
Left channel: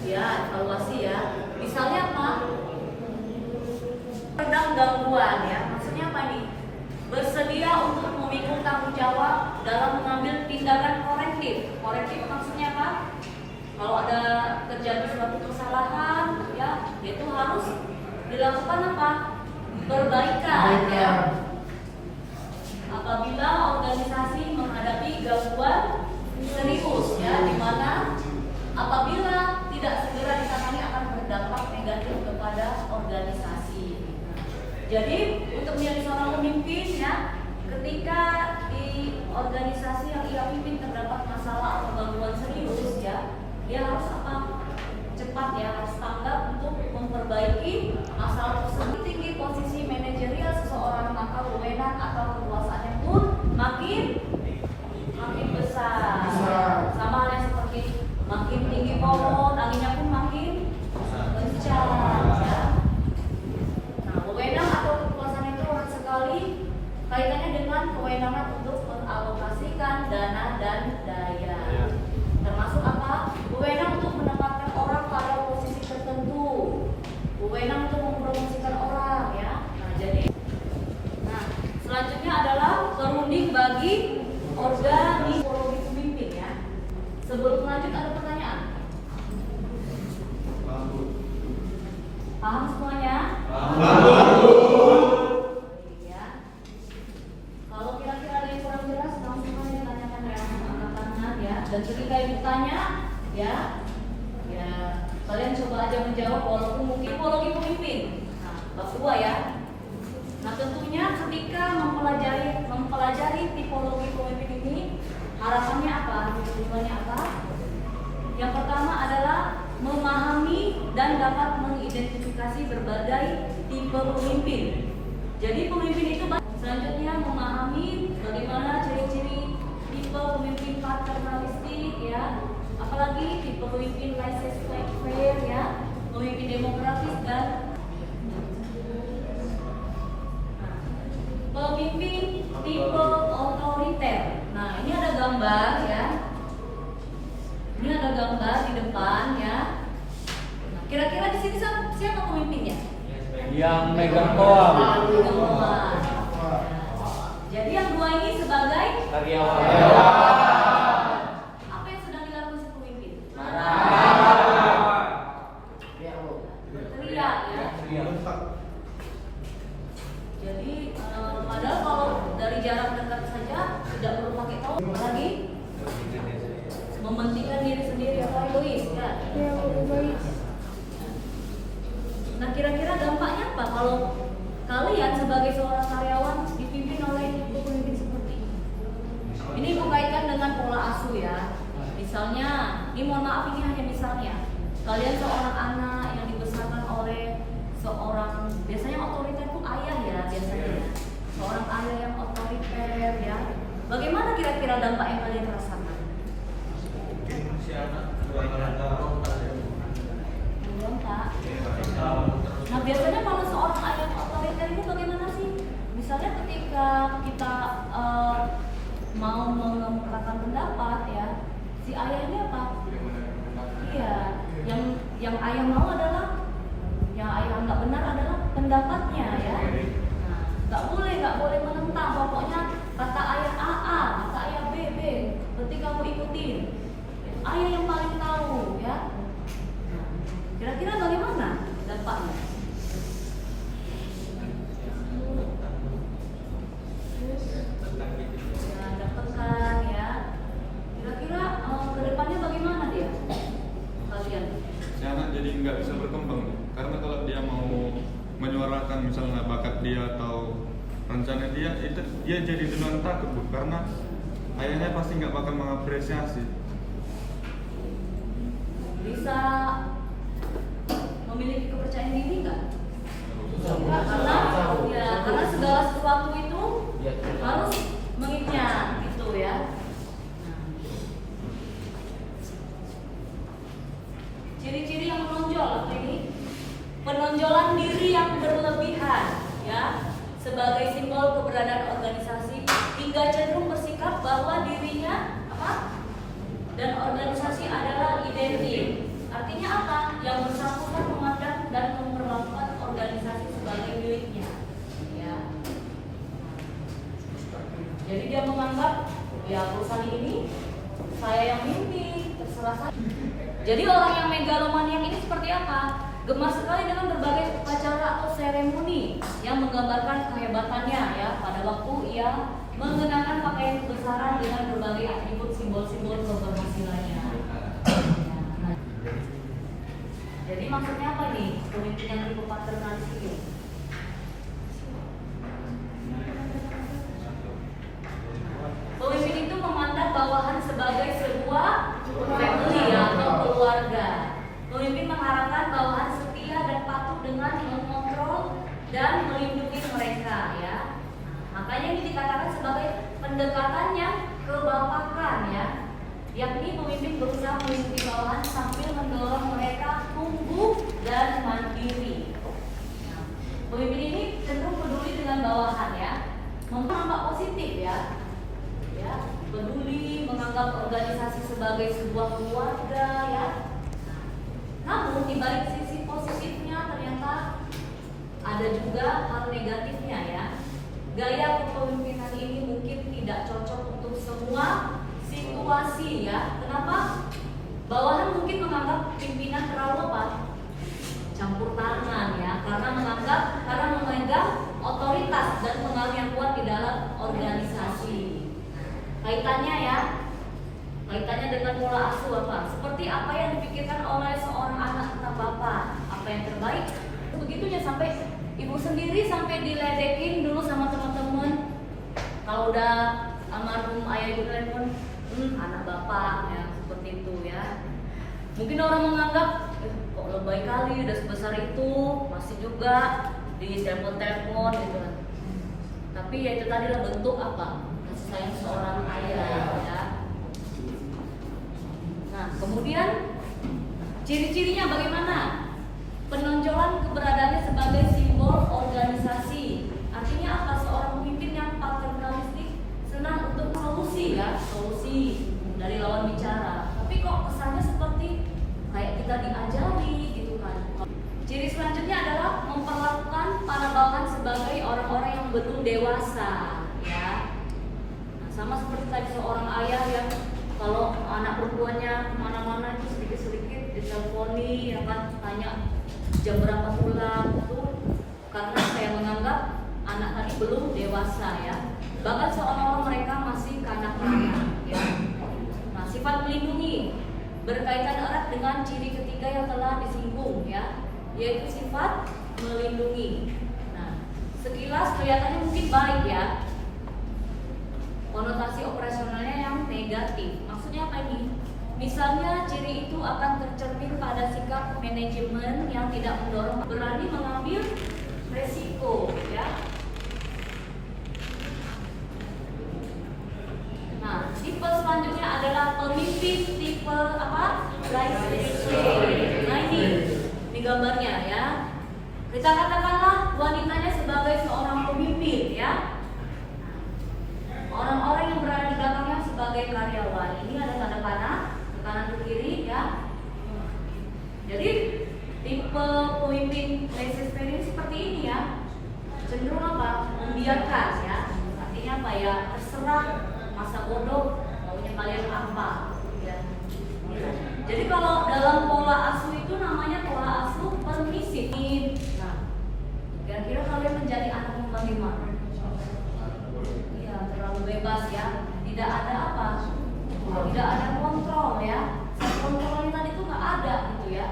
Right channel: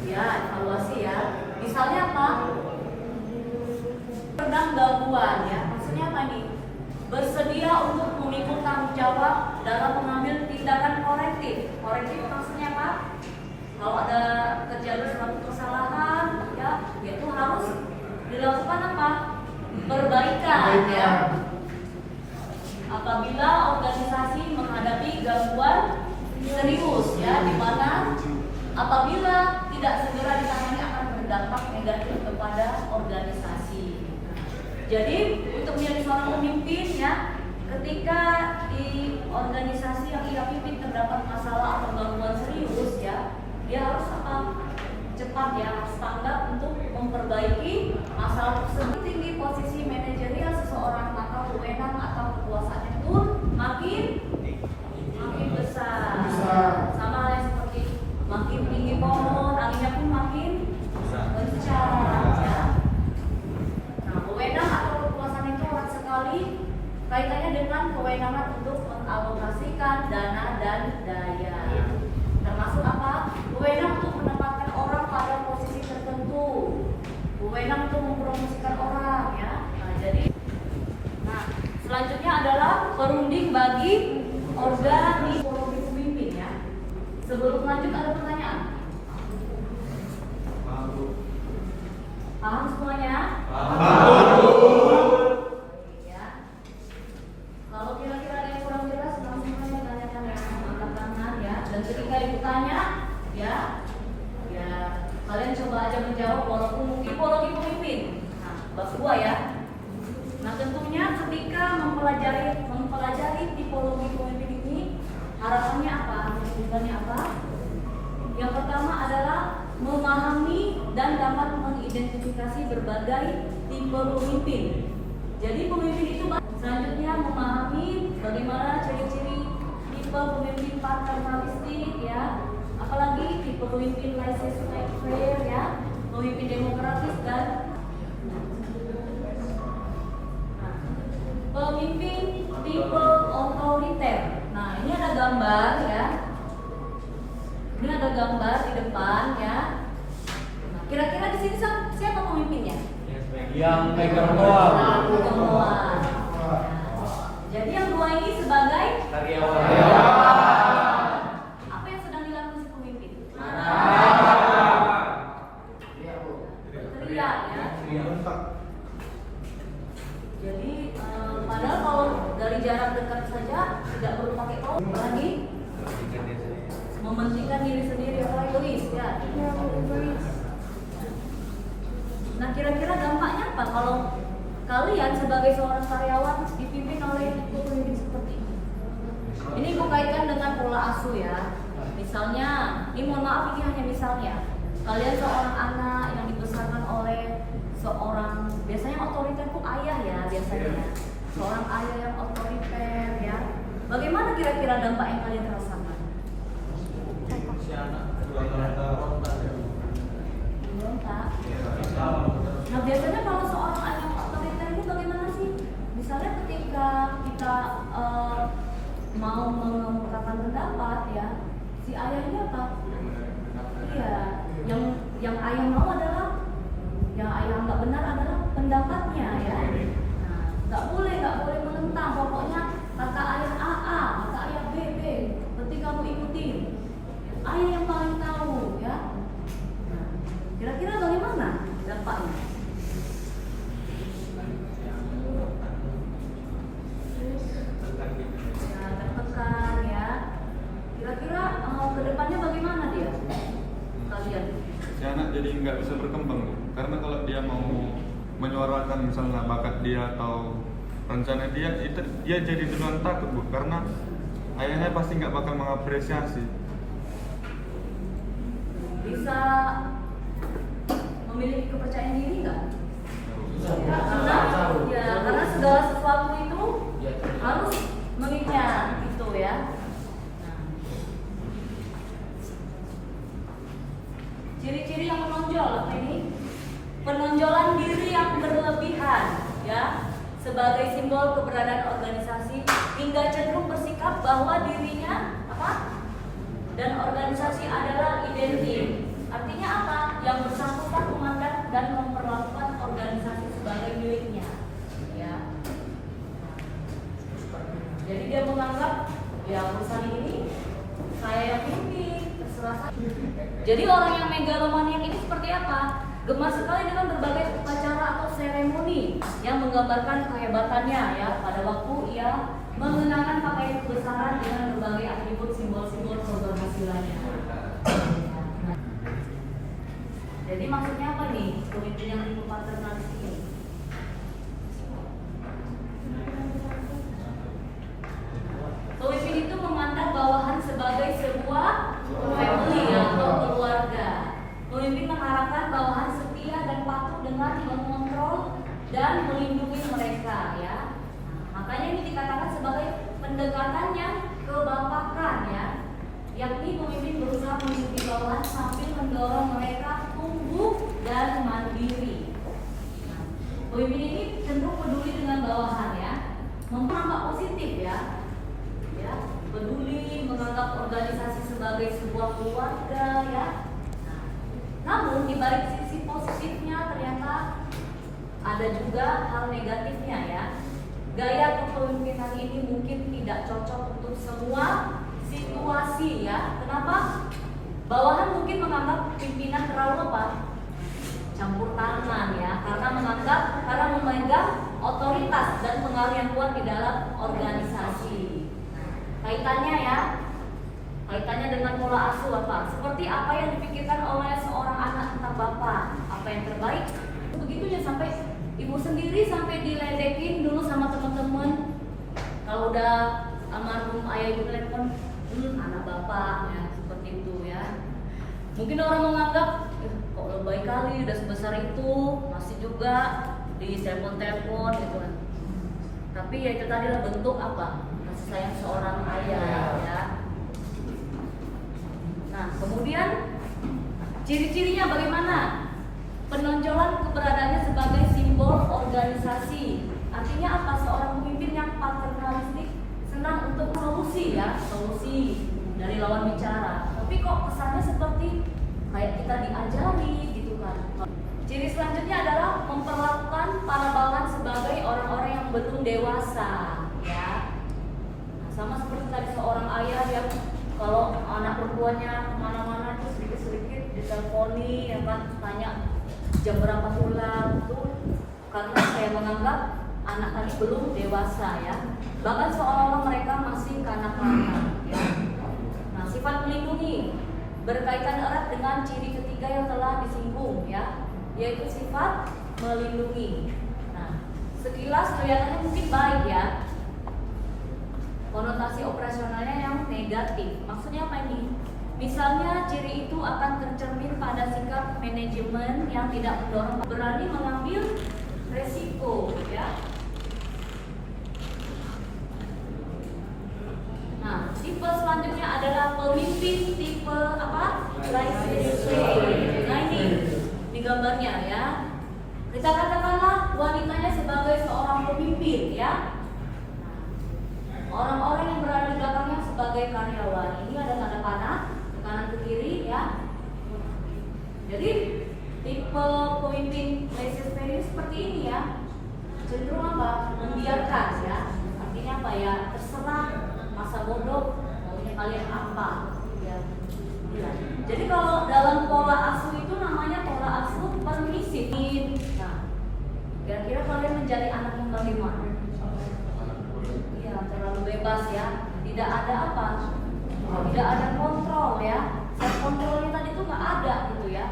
Ya, evaluasi ya. Misalnya apa? Redam gangguan ya. Maksudnya apa nih? Bersedia untuk memikul tanggung jawab dalam mengambil tindakan korektif. Korektif maksudnya apa? Kalau ada terjadi suatu kesalahan, ya itu harus dilakukan apa? Perbaikan ya. Apabila organisasi menghadapi gangguan serius ya, di mana apabila tidak segera ditangani akan berdampak negatif kepada organisasi. Jadi untuk menjadi seorang pemimpin ya, ketika di organisasi yang ia pimpin terdapat masalah atau gangguan serius ya, dia harus apa? Cepat ya, harus tanggap untuk memperbaiki masalah tersebut. Tinggi posisi manajerial seseorang, maka wewenang atau kekuasaannya pun makin besar. Sama halnya seperti makin tinggi pohon, anginnya pun makin kencang ya. Nah, wewenang atau kekuasaan itu erat sekali kaitannya dengan kewenangan untuk mengalokasikan dana dan daya. Termasuk apa? Wewenang untuk menempatkan orang pada posisi tertentu, wewenang untuk mempromosikan orang ya. Nah, selanjutnya adalah perunding bagi organisasi pemimpin ya. Sebelum lanjut ada pertanyaan? Paham semuanya? Ya. Kalau kira-kira ada yang kurang jelas, langsung aja tanyakan ya, angkat tangan ya. Dan ketika ibu tanya, ya kalian coba aja menjawab walaupun mungkin tipologi pemimpin. Nah, bab 2 ya. Nah, tentunya ketika mempelajari tipologi pemimpin ini, harapannya apa? Tujuannya apa? Yang pertama adalah memahami dan dapat mengidentifikasi berbagai tipe pemimpin. Jadi pemimpin itu selanjutnya memahami bagaimana ciri-ciri tipe pemimpin paternalistik ya, apalagi tipe pemimpin laissez-faire ya, pemimpin demokratis dan pemimpin tipe otoriter. Nah, ini ada gambar ya. Ini ada gambar di depan ya. Nah, kira-kira di sini siapa pemimpinnya? Yang megang doang. Jadi yang dua ini sebagai Karyawan. Apa yang sedang dilakukan si pemimpin? Teriak ya. Jadi padahal kalau dari jarak dekat saja tidak perlu pakai topeng, lagi mementingkan diri sendiri atau egois ya. Nah, kira-kira dampaknya apa kalau kalian sebagai seorang karyawan dipimpin oleh ibu pemimpin seperti ini? Ini ibu kaitkan dengan pola asuh ya. Misalnya, ini mohon maaf ini hanya misalnya, kalian seorang anak yang dibesarkan oleh seorang, biasanya otoriter itu ayah ya biasanya, seorang ayah yang otoriter ya. Bagaimana kira-kira dampak yang kalian rasakan? Si anak juga berontak. Nah, biasanya kalau seorang ayah otoriter itu bagaimana sih? Misalnya ketika kita mau mengungkapkan pendapat ya, si ayahnya apa? Iya, yang ayah mau adalah, yang ayah anggap benar adalah pendapatnya ya. Nah, nggak boleh menentang, dia tahu rencana dia, itu dia jadi duluan takut Bu, karena ayahnya pasti nggak bakal mengapresiasi. Bisa memiliki kepercayaan diri nggak? Karena segala sesuatu itu harus mengingat gitu ya. Nah, ciri-ciri yang menonjol apa ini? Penonjolan diri yang berlebihan ya, sebagai simbol keberadaan organisasi hingga cenderung bersikap bahwa dirinya apa? Dan organisasi adalah identik. Artinya apa? Yang bersangkutan memandang dan memperlakukan organisasi sebagai miliknya. Ya. Jadi dia menganggap ya perusahaan ini saya yang mimpin, terserah saya. Jadi orang yang megalomaniak ini seperti apa? Gemar sekali dengan berbagai upacara atau seremoni yang menggambarkan kehebatannya ya pada waktu ia mengenakan pakaian kebesaran dengan berbagai atribut simbol-simbol keberhasilannya. Jadi maksudnya apa nih pemimpin yang tipe paternalis ini? Pemimpin itu memandang bawahan sebagai sebuah family atau keluarga. Pemimpin mengharapkan bawahan setia dan patuh dengan mengontrol dan melindungi mereka ya. Makanya ini dikatakan sebagai pendekatan yang kebapakan ya. Yakni pemimpin berusaha melindungi bawahan sambil mendorong mereka tumbuh dan mandiri. Nah, pemimpin ini cenderung peduli dengan bawahan ya, menganggap positif ya, peduli, menganggap organisasi sebagai sebuah keluarga ya. Nah, namun di balik sisi positifnya ternyata ada juga hal negatifnya ya. Gaya kepemimpinan ini mungkin tidak cocok untuk semua situasi ya. Kenapa? Bawahan mungkin menganggap pimpinan terlalu apa? Campur tangan ya, karena memegang otoritas dan pengaruh yang kuat di dalam organisasi. Kaitannya dengan pola asuh apa? Seperti apa yang dipikirkan oleh seorang anak tentang bapak, apa yang terbaik. Begitunya sampai ibu sendiri sampai diledekin dulu sama teman-teman. Kalau udah almarhum ayah ibu telepon, anak bapak ya, seperti itu ya. Mungkin orang menganggap kok lebay kali udah sebesar itu masih juga di telepon gitu kan. Tapi ya itu tadi lah bentuk apa? Kasih sayang seorang ayah ya. Nah, kemudian ciri-cirinya bagaimana? Penonjolan keberadaannya sebagai simbol organisasi. Artinya apa? Seorang pemimpin yang paternalistik senang untuk solusi dari lawan bicara. Tapi kok kesannya seperti kayak kita diajari gitu kan. Ciri selanjutnya adalah memperlakukan para bawahan sebagai orang-orang yang belum dewasa ya. Nah, sama seperti tadi seorang ayah yang kalau anak perempuannya kemana-mana itu sedikit-sedikit diteleponi ya kan, tanya jam berapa pulang itu karena saya menganggap anak tadi belum dewasa ya. Bahkan seolah-olah mereka masih kanak-kanak ya. Nah, sifat melindungi berkaitan erat dengan ciri ketiga yang telah disinggung ya, yaitu sifat melindungi. Nah, sekilas kelihatannya mungkin baik ya. Konotasi operasionalnya yang negatif. Maksudnya apa ini? Misalnya ciri itu akan tercermin pada sikap manajemen yang tidak mendorong, berani mengambil resiko ya. Nah, tipe selanjutnya adalah pemimpin tipe apa? Nah ini gambarnya ya. Kita katakanlah wanitanya sebagai seorang pemimpin ya. Orang-orang yang berada di belakangnya sebagai karyawan. Ini ada tanda panah ke kanan ke kiri ya. Jadi tipe pemimpin laissez-faire seperti ini ya. Cenderung apa? Membiarkan ya. Artinya apa ya? Terserah masa bodoh maunya kalian apa ya. Jadi kalau dalam pola asuh itu namanya pola asuh permisif. Nah, kira-kira kalian menjadi anak yang bagaimana? Iya, terlalu bebas ya. Tidak ada apa? Tidak ada kontrol ya. Self kontrolnya tadi itu nggak ada gitu ya.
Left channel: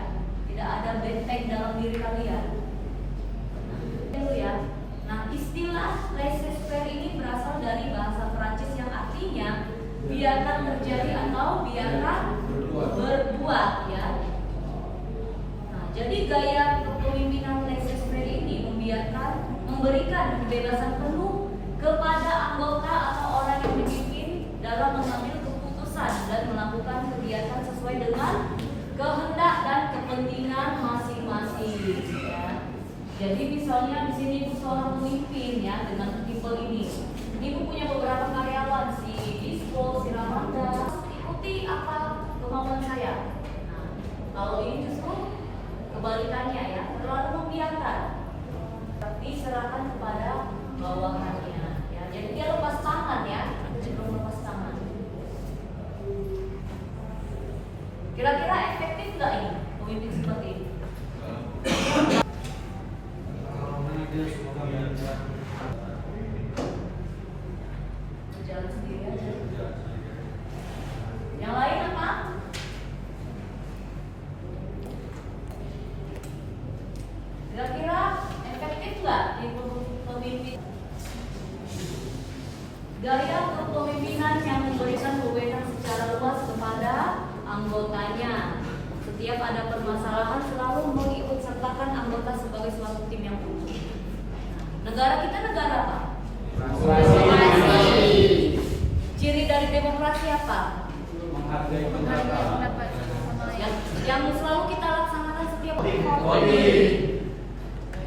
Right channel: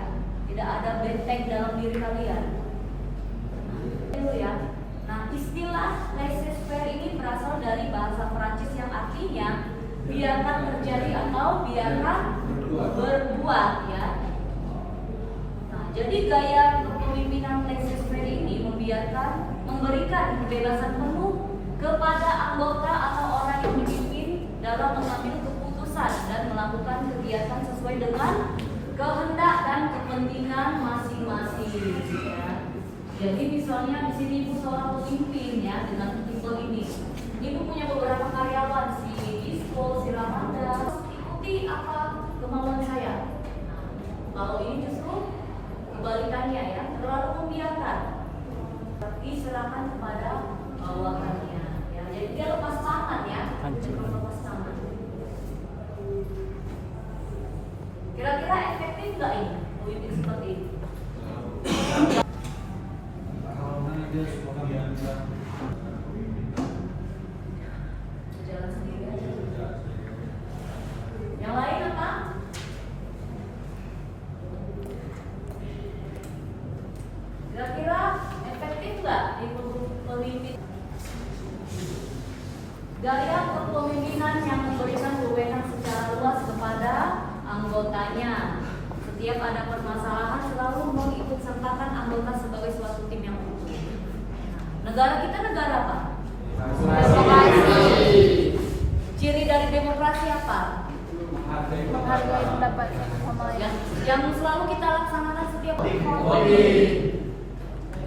Tidak ada benteng dalam diri kalian. Nah, itu ya. Nah, Istilah laissez-faire ini berasal dari bahasa Perancis yang artinya biarkan terjadi atau biarkan berbuat ya. Nah, jadi gaya kepemimpinan laissez-faire ini memberikan kebebasan penuh kepada anggota atau orang yang dipimpin dalam mengambil keputusan dan melakukan kegiatan sesuai dengan kehendak dan kepentingan masing-masing ya. Jadi misalnya di sini ibu seorang pemimpin ya dengan tipe ini. Ibu punya beberapa karyawan si Disco, si Ramanda. Ikuti apa kemauan saya. Nah, kalau ini justru kebalikannya ya, terlalu membiarkan. Diserahkan kepada bawahannya. Ya, jadi dia lepas tangan ya, lepas tangan. Kira-kira efektif nggak ini pemimpin seperti ini? Dia semua yang Jalan sendiri aja. Yang lain apa? Kira-kira efektif nggak di pemimpin? Gaya kepemimpinan yang memberikan wewenang secara luas kepada anggotanya. Setiap ada permasalahan selalu mengikut sertakan anggota sebagai suatu tim yang utuh. Negara kita negara apa? Demokrasi. Ciri dari demokrasi apa? Menghargai pendapat satu sama lain. Yang selalu kita laksanakan setiap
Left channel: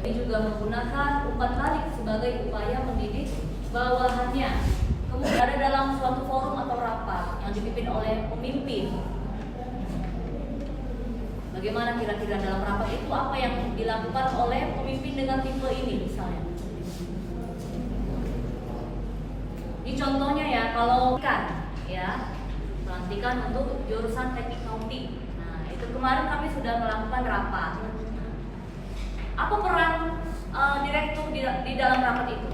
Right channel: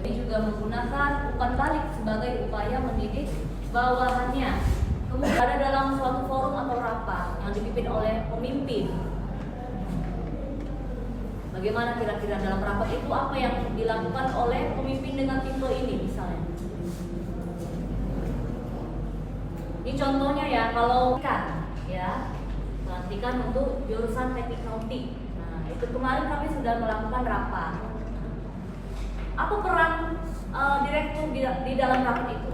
ini juga menggunakan umpan balik sebagai upaya mendidik bawahannya. Kemudian ada dalam suatu forum atau rapat yang dipimpin oleh pemimpin. Bagaimana kira-kira dalam rapat itu apa yang dilakukan oleh pemimpin dengan tipe ini misalnya? Ini contohnya ya, kalau kan ya pelantikan untuk jurusan teknik nautik. Nah, itu kemarin kami sudah melakukan rapat. Apa peran direktur di dalam rapat itu?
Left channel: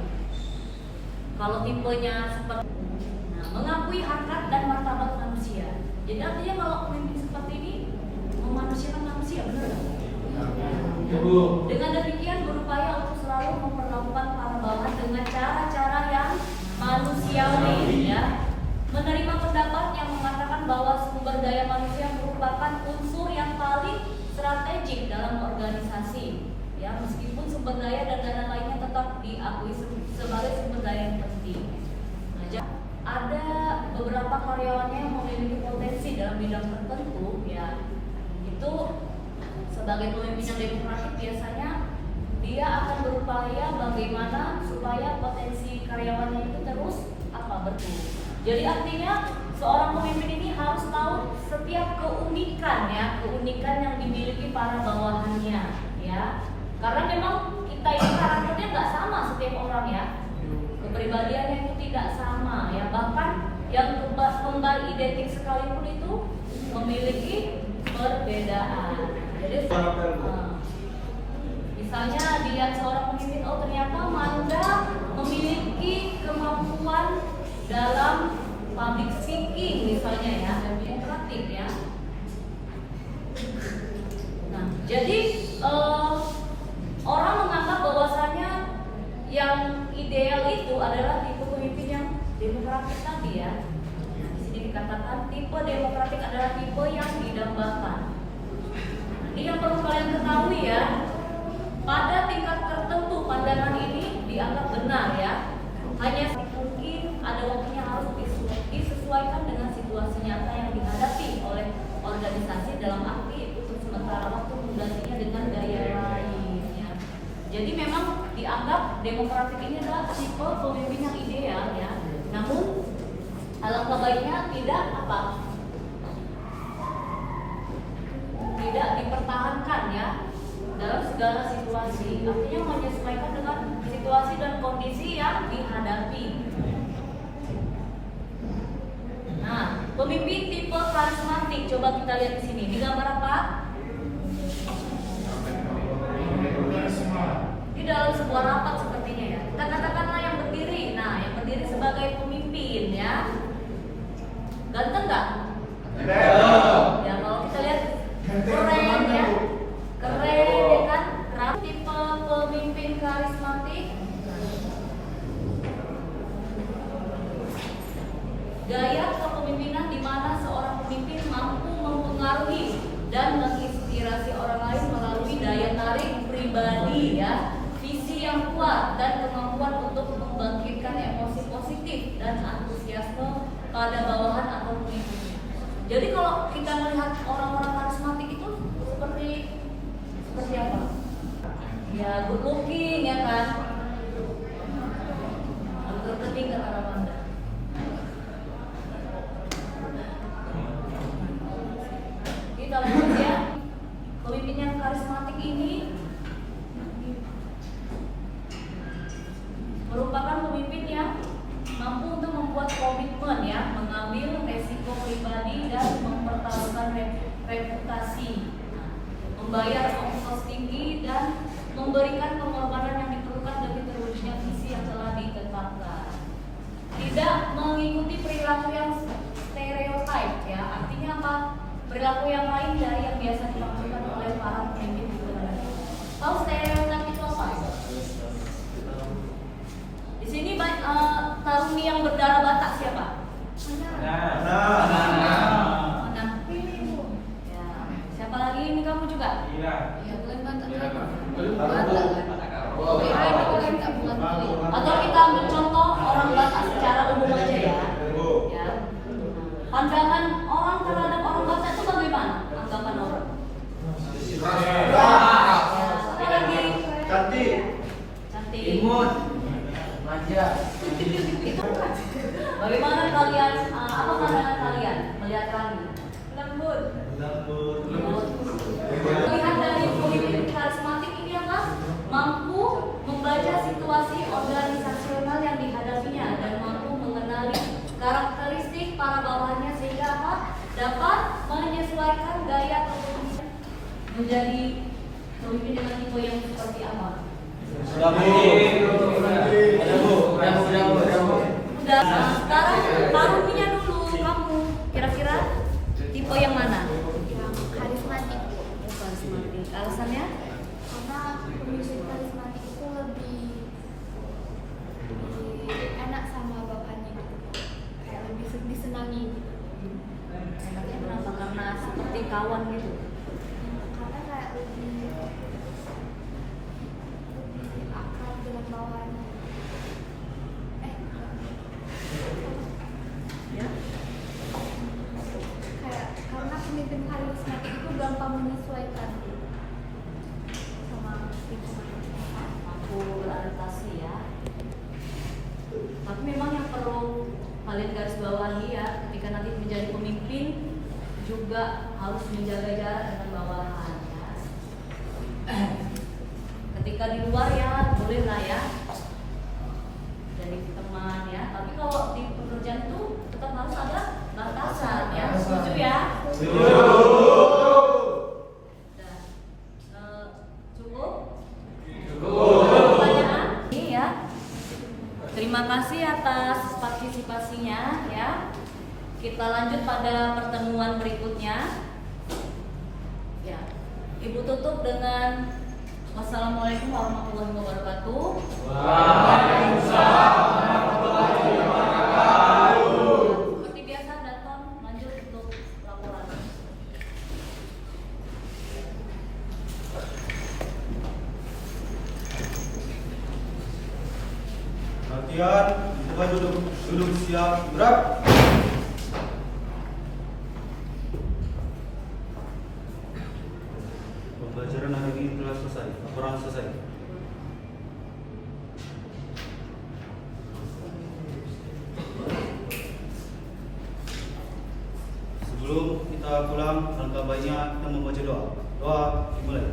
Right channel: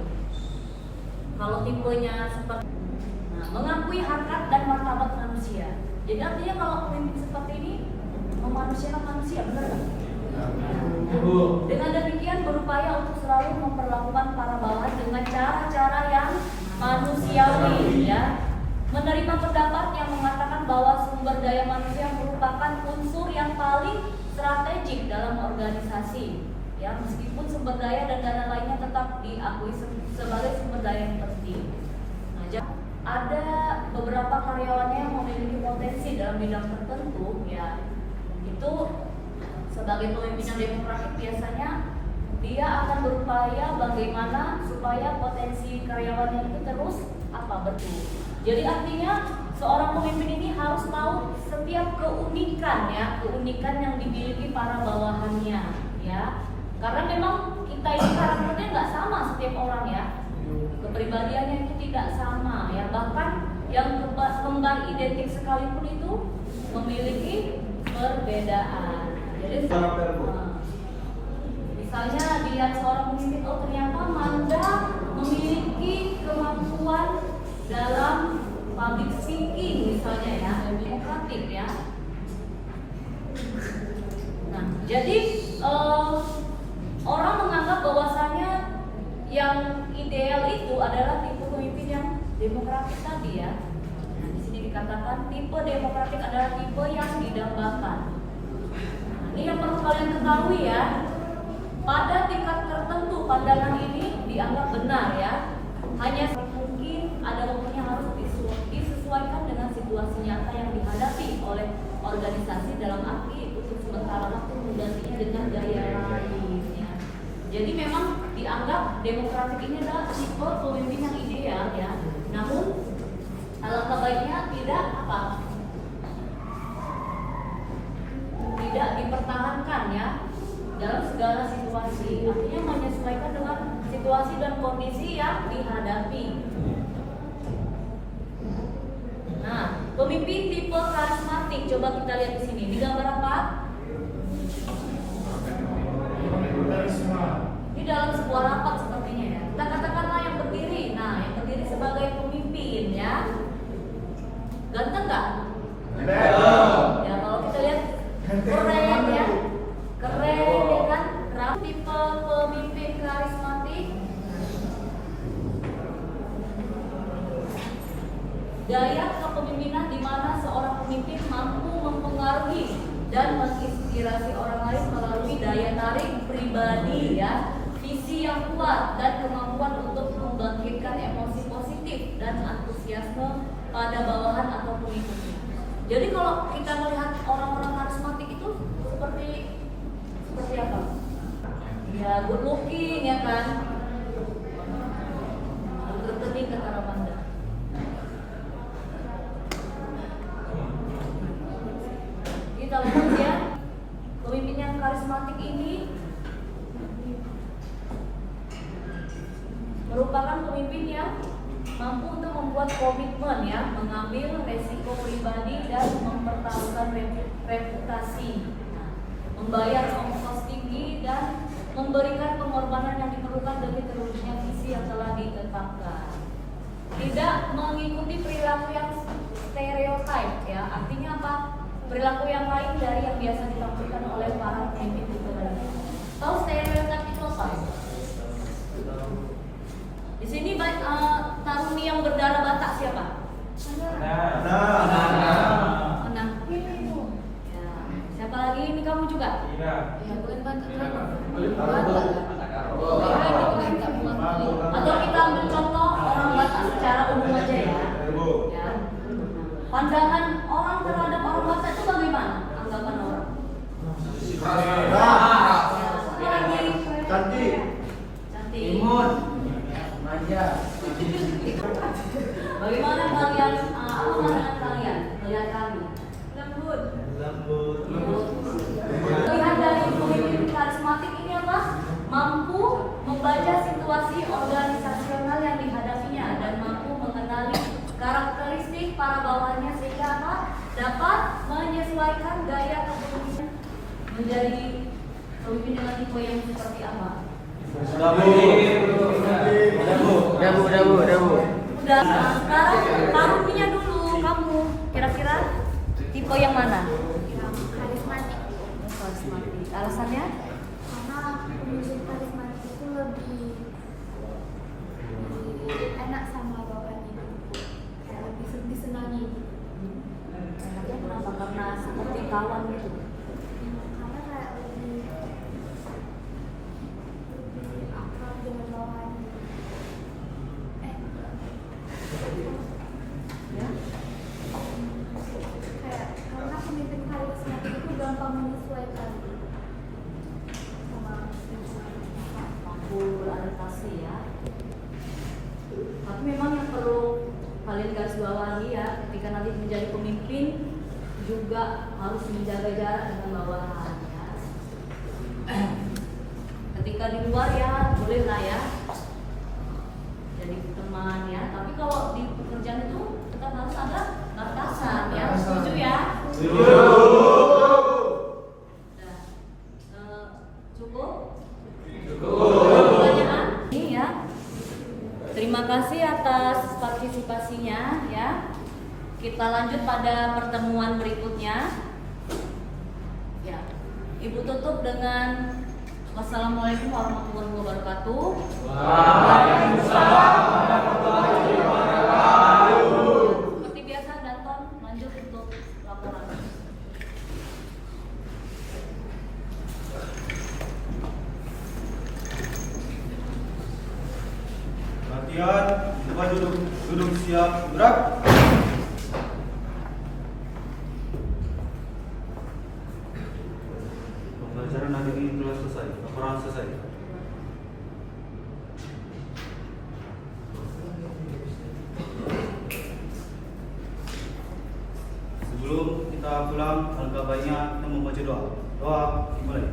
Kalau tipenya seperti mengakui harkat dan martabat manusia. Jadi artinya kalau pemimpin seperti ini memanusiakan manusia, benar nggak? Dengan demikian berupaya untuk selalu memperlakukan para bawahan dengan cara-cara yang manusiawi, ya. Menerima pendapat yang mengatakan bahwa sumber daya manusia merupakan unsur yang paling strategik dalam organisasi, ya. Meskipun sumber daya dan dana lainnya tetap diakui sebagai sumber daya yang penting. Nah, ada beberapa karyawannya yang memiliki potensi dalam bidang tertentu, ya. Itu sebagai pemimpin yang demokratik biasanya dia akan berupaya bagaimana supaya potensi karyawannya itu terus bertumbuh. Jadi artinya seorang pemimpin ini harus tahu setiap keunikan yang dimiliki para bawahannya, ya. Karena memang kita ini karakternya nggak sama setiap orang ya. Kepribadiannya itu tidak sama ya. Bahkan yang kembar identik sekalipun itu memiliki perbedaan. Jadi misalnya dilihat seorang pemimpin, oh ternyata Manda memiliki kemampuan dalam public speaking misalnya ya, demokratik ya. Nah, jadi orang menganggap bahwasanya yang ideal itu adalah tipe pemimpin yang demokratik tadi ya. Nah, di sini dikatakan tipe demokratik adalah tipe yang didambakan. Nah, ini yang perlu kalian ketahui ya. Pada tingkat tertentu pandangan ini dianggap benar ya. Hanya mungkin ada waktunya harus disesuaikan dengan situasi nyata yang dihadapi oleh organisasi dalam arti untuk sementara waktu menggantinya dengan gaya lain ya. Jadi memang dianggap demokratik ini adalah tipe pemimpin yang ideal ya. Namun alangkah baiknya tidak dipertahankan ya dalam segala situasi. Artinya menyesuaikan dengan situasi dan kondisi yang dihadapi. Nah, pemimpin tipe karismatik, coba kita lihat di sini. Di gambar apa? Di dalam sebuah rapat sepertinya ya. Kita katakanlah yang berdiri. Nah, yang berdiri sebagai pemimpin ya. Ganteng nggak? Ya, kalau kita lihat keren ya. Keren ya kan? Tipe pemimpin karismatik. gaya kepemimpinan di mana seorang pemimpin mampu mempengaruhi dan menginspirasi orang lain melalui daya tarik pribadi ya, visi yang kuat dan kemampuan untuk membangkitkan emosi positif dan antusiasme pada bawahan atau pengikutnya. Jadi kalau kita melihat orang-orang karismatik itu seperti apa? Ya good looking ya kan. Terpenting kata Ramanda. Kita lanjut ya. Pemimpin yang karismatik ini merupakan pemimpin yang mampu untuk membuat komitmen ya, mengambil resiko pribadi dan mempertaruhkan reputasi, membayar ongkos tinggi dan memberikan pengorbanan yang diperlukan demi terwujudnya visi yang telah ditetapkan. Tidak mengikuti perilaku yang stereotip ya, artinya apa? Perilaku yang lain dari yang biasa ditampilkan oleh para pemimpin di Indonesia. Tahu stereotip itu apa? Di sini Taruni yang berdarah Batak siapa? Nah. Ya. Siapa lagi? Ini kamu juga? Iya. Ya, bukan Batak. Atau kita ambil contoh orang Batak secara umum aja ya. Ya. Pandangan orang terhadap orang Batak itu bagaimana? Anggapan orang? Ya. Siapa lagi? Cantik. Cantik. Manja. Bagaimana kalian? Apa pandangan kalian melihat kami? Lembut. Melihat dari pemimpin karismatik ini apa? Mampu membaca situasi organisasional yang dihadapinya dan mampu mengenali karakteristik para bawahannya sehingga apa? Dapat menyesuaikan gaya kepemimpinan menjadi pemimpin dengan tipe yang seperti apa? Udah, sekarang Taruninya dulu kamu. Kira-kira tipe yang mana? Karismatik. Karismatik. Alasannya? Karena pemimpin karismatik itu lebih enak sama bawahannya gitu. Kayak lebih disenangi gitu. Enaknya kenapa? Karena seperti kawan gitu. Karena kayak lebih akrab dengan bawahannya. Ya. Kayak karena pemimpin karismatik itu gampang menyesuaikan sama lingkungan. Mampu beradaptasi ya. Tapi memang yang perlu kalian garis bawahi ya, ketika nanti menjadi pemimpin juga harus menjaga jarak dengan bawahan ya. Ketika di luar ya boleh lah ya jadi teman ya, tapi kalau di pekerjaan itu tetap harus ada batasan ya. Setuju ya? Udah. Cukup? Pertanyaan? Ini ya. Terima kasih atas partisipasinya ya. Kita lanjut pada pertemuan berikutnya. Ya. Ibu tutup dengan wassalamualaikum warahmatullahi wabarakatuh. Seperti biasa Danton lanjut untuk laporan. Latihan, kita duduk siap, gerak. Pembelajaran hari ini telah selesai, laporan selesai. Sebelum kita pulang, alangkah baiknya kita membaca doa. Doa dimulai.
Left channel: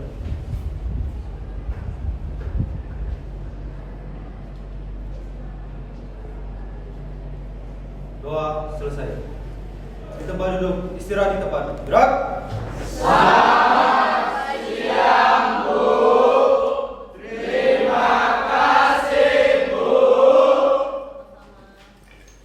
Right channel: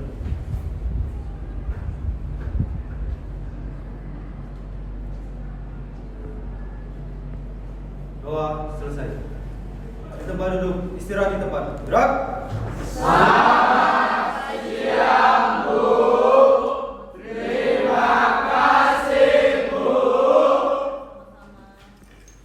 Doa selesai. Di tempat duduk, istirahat di tempat. Gerak.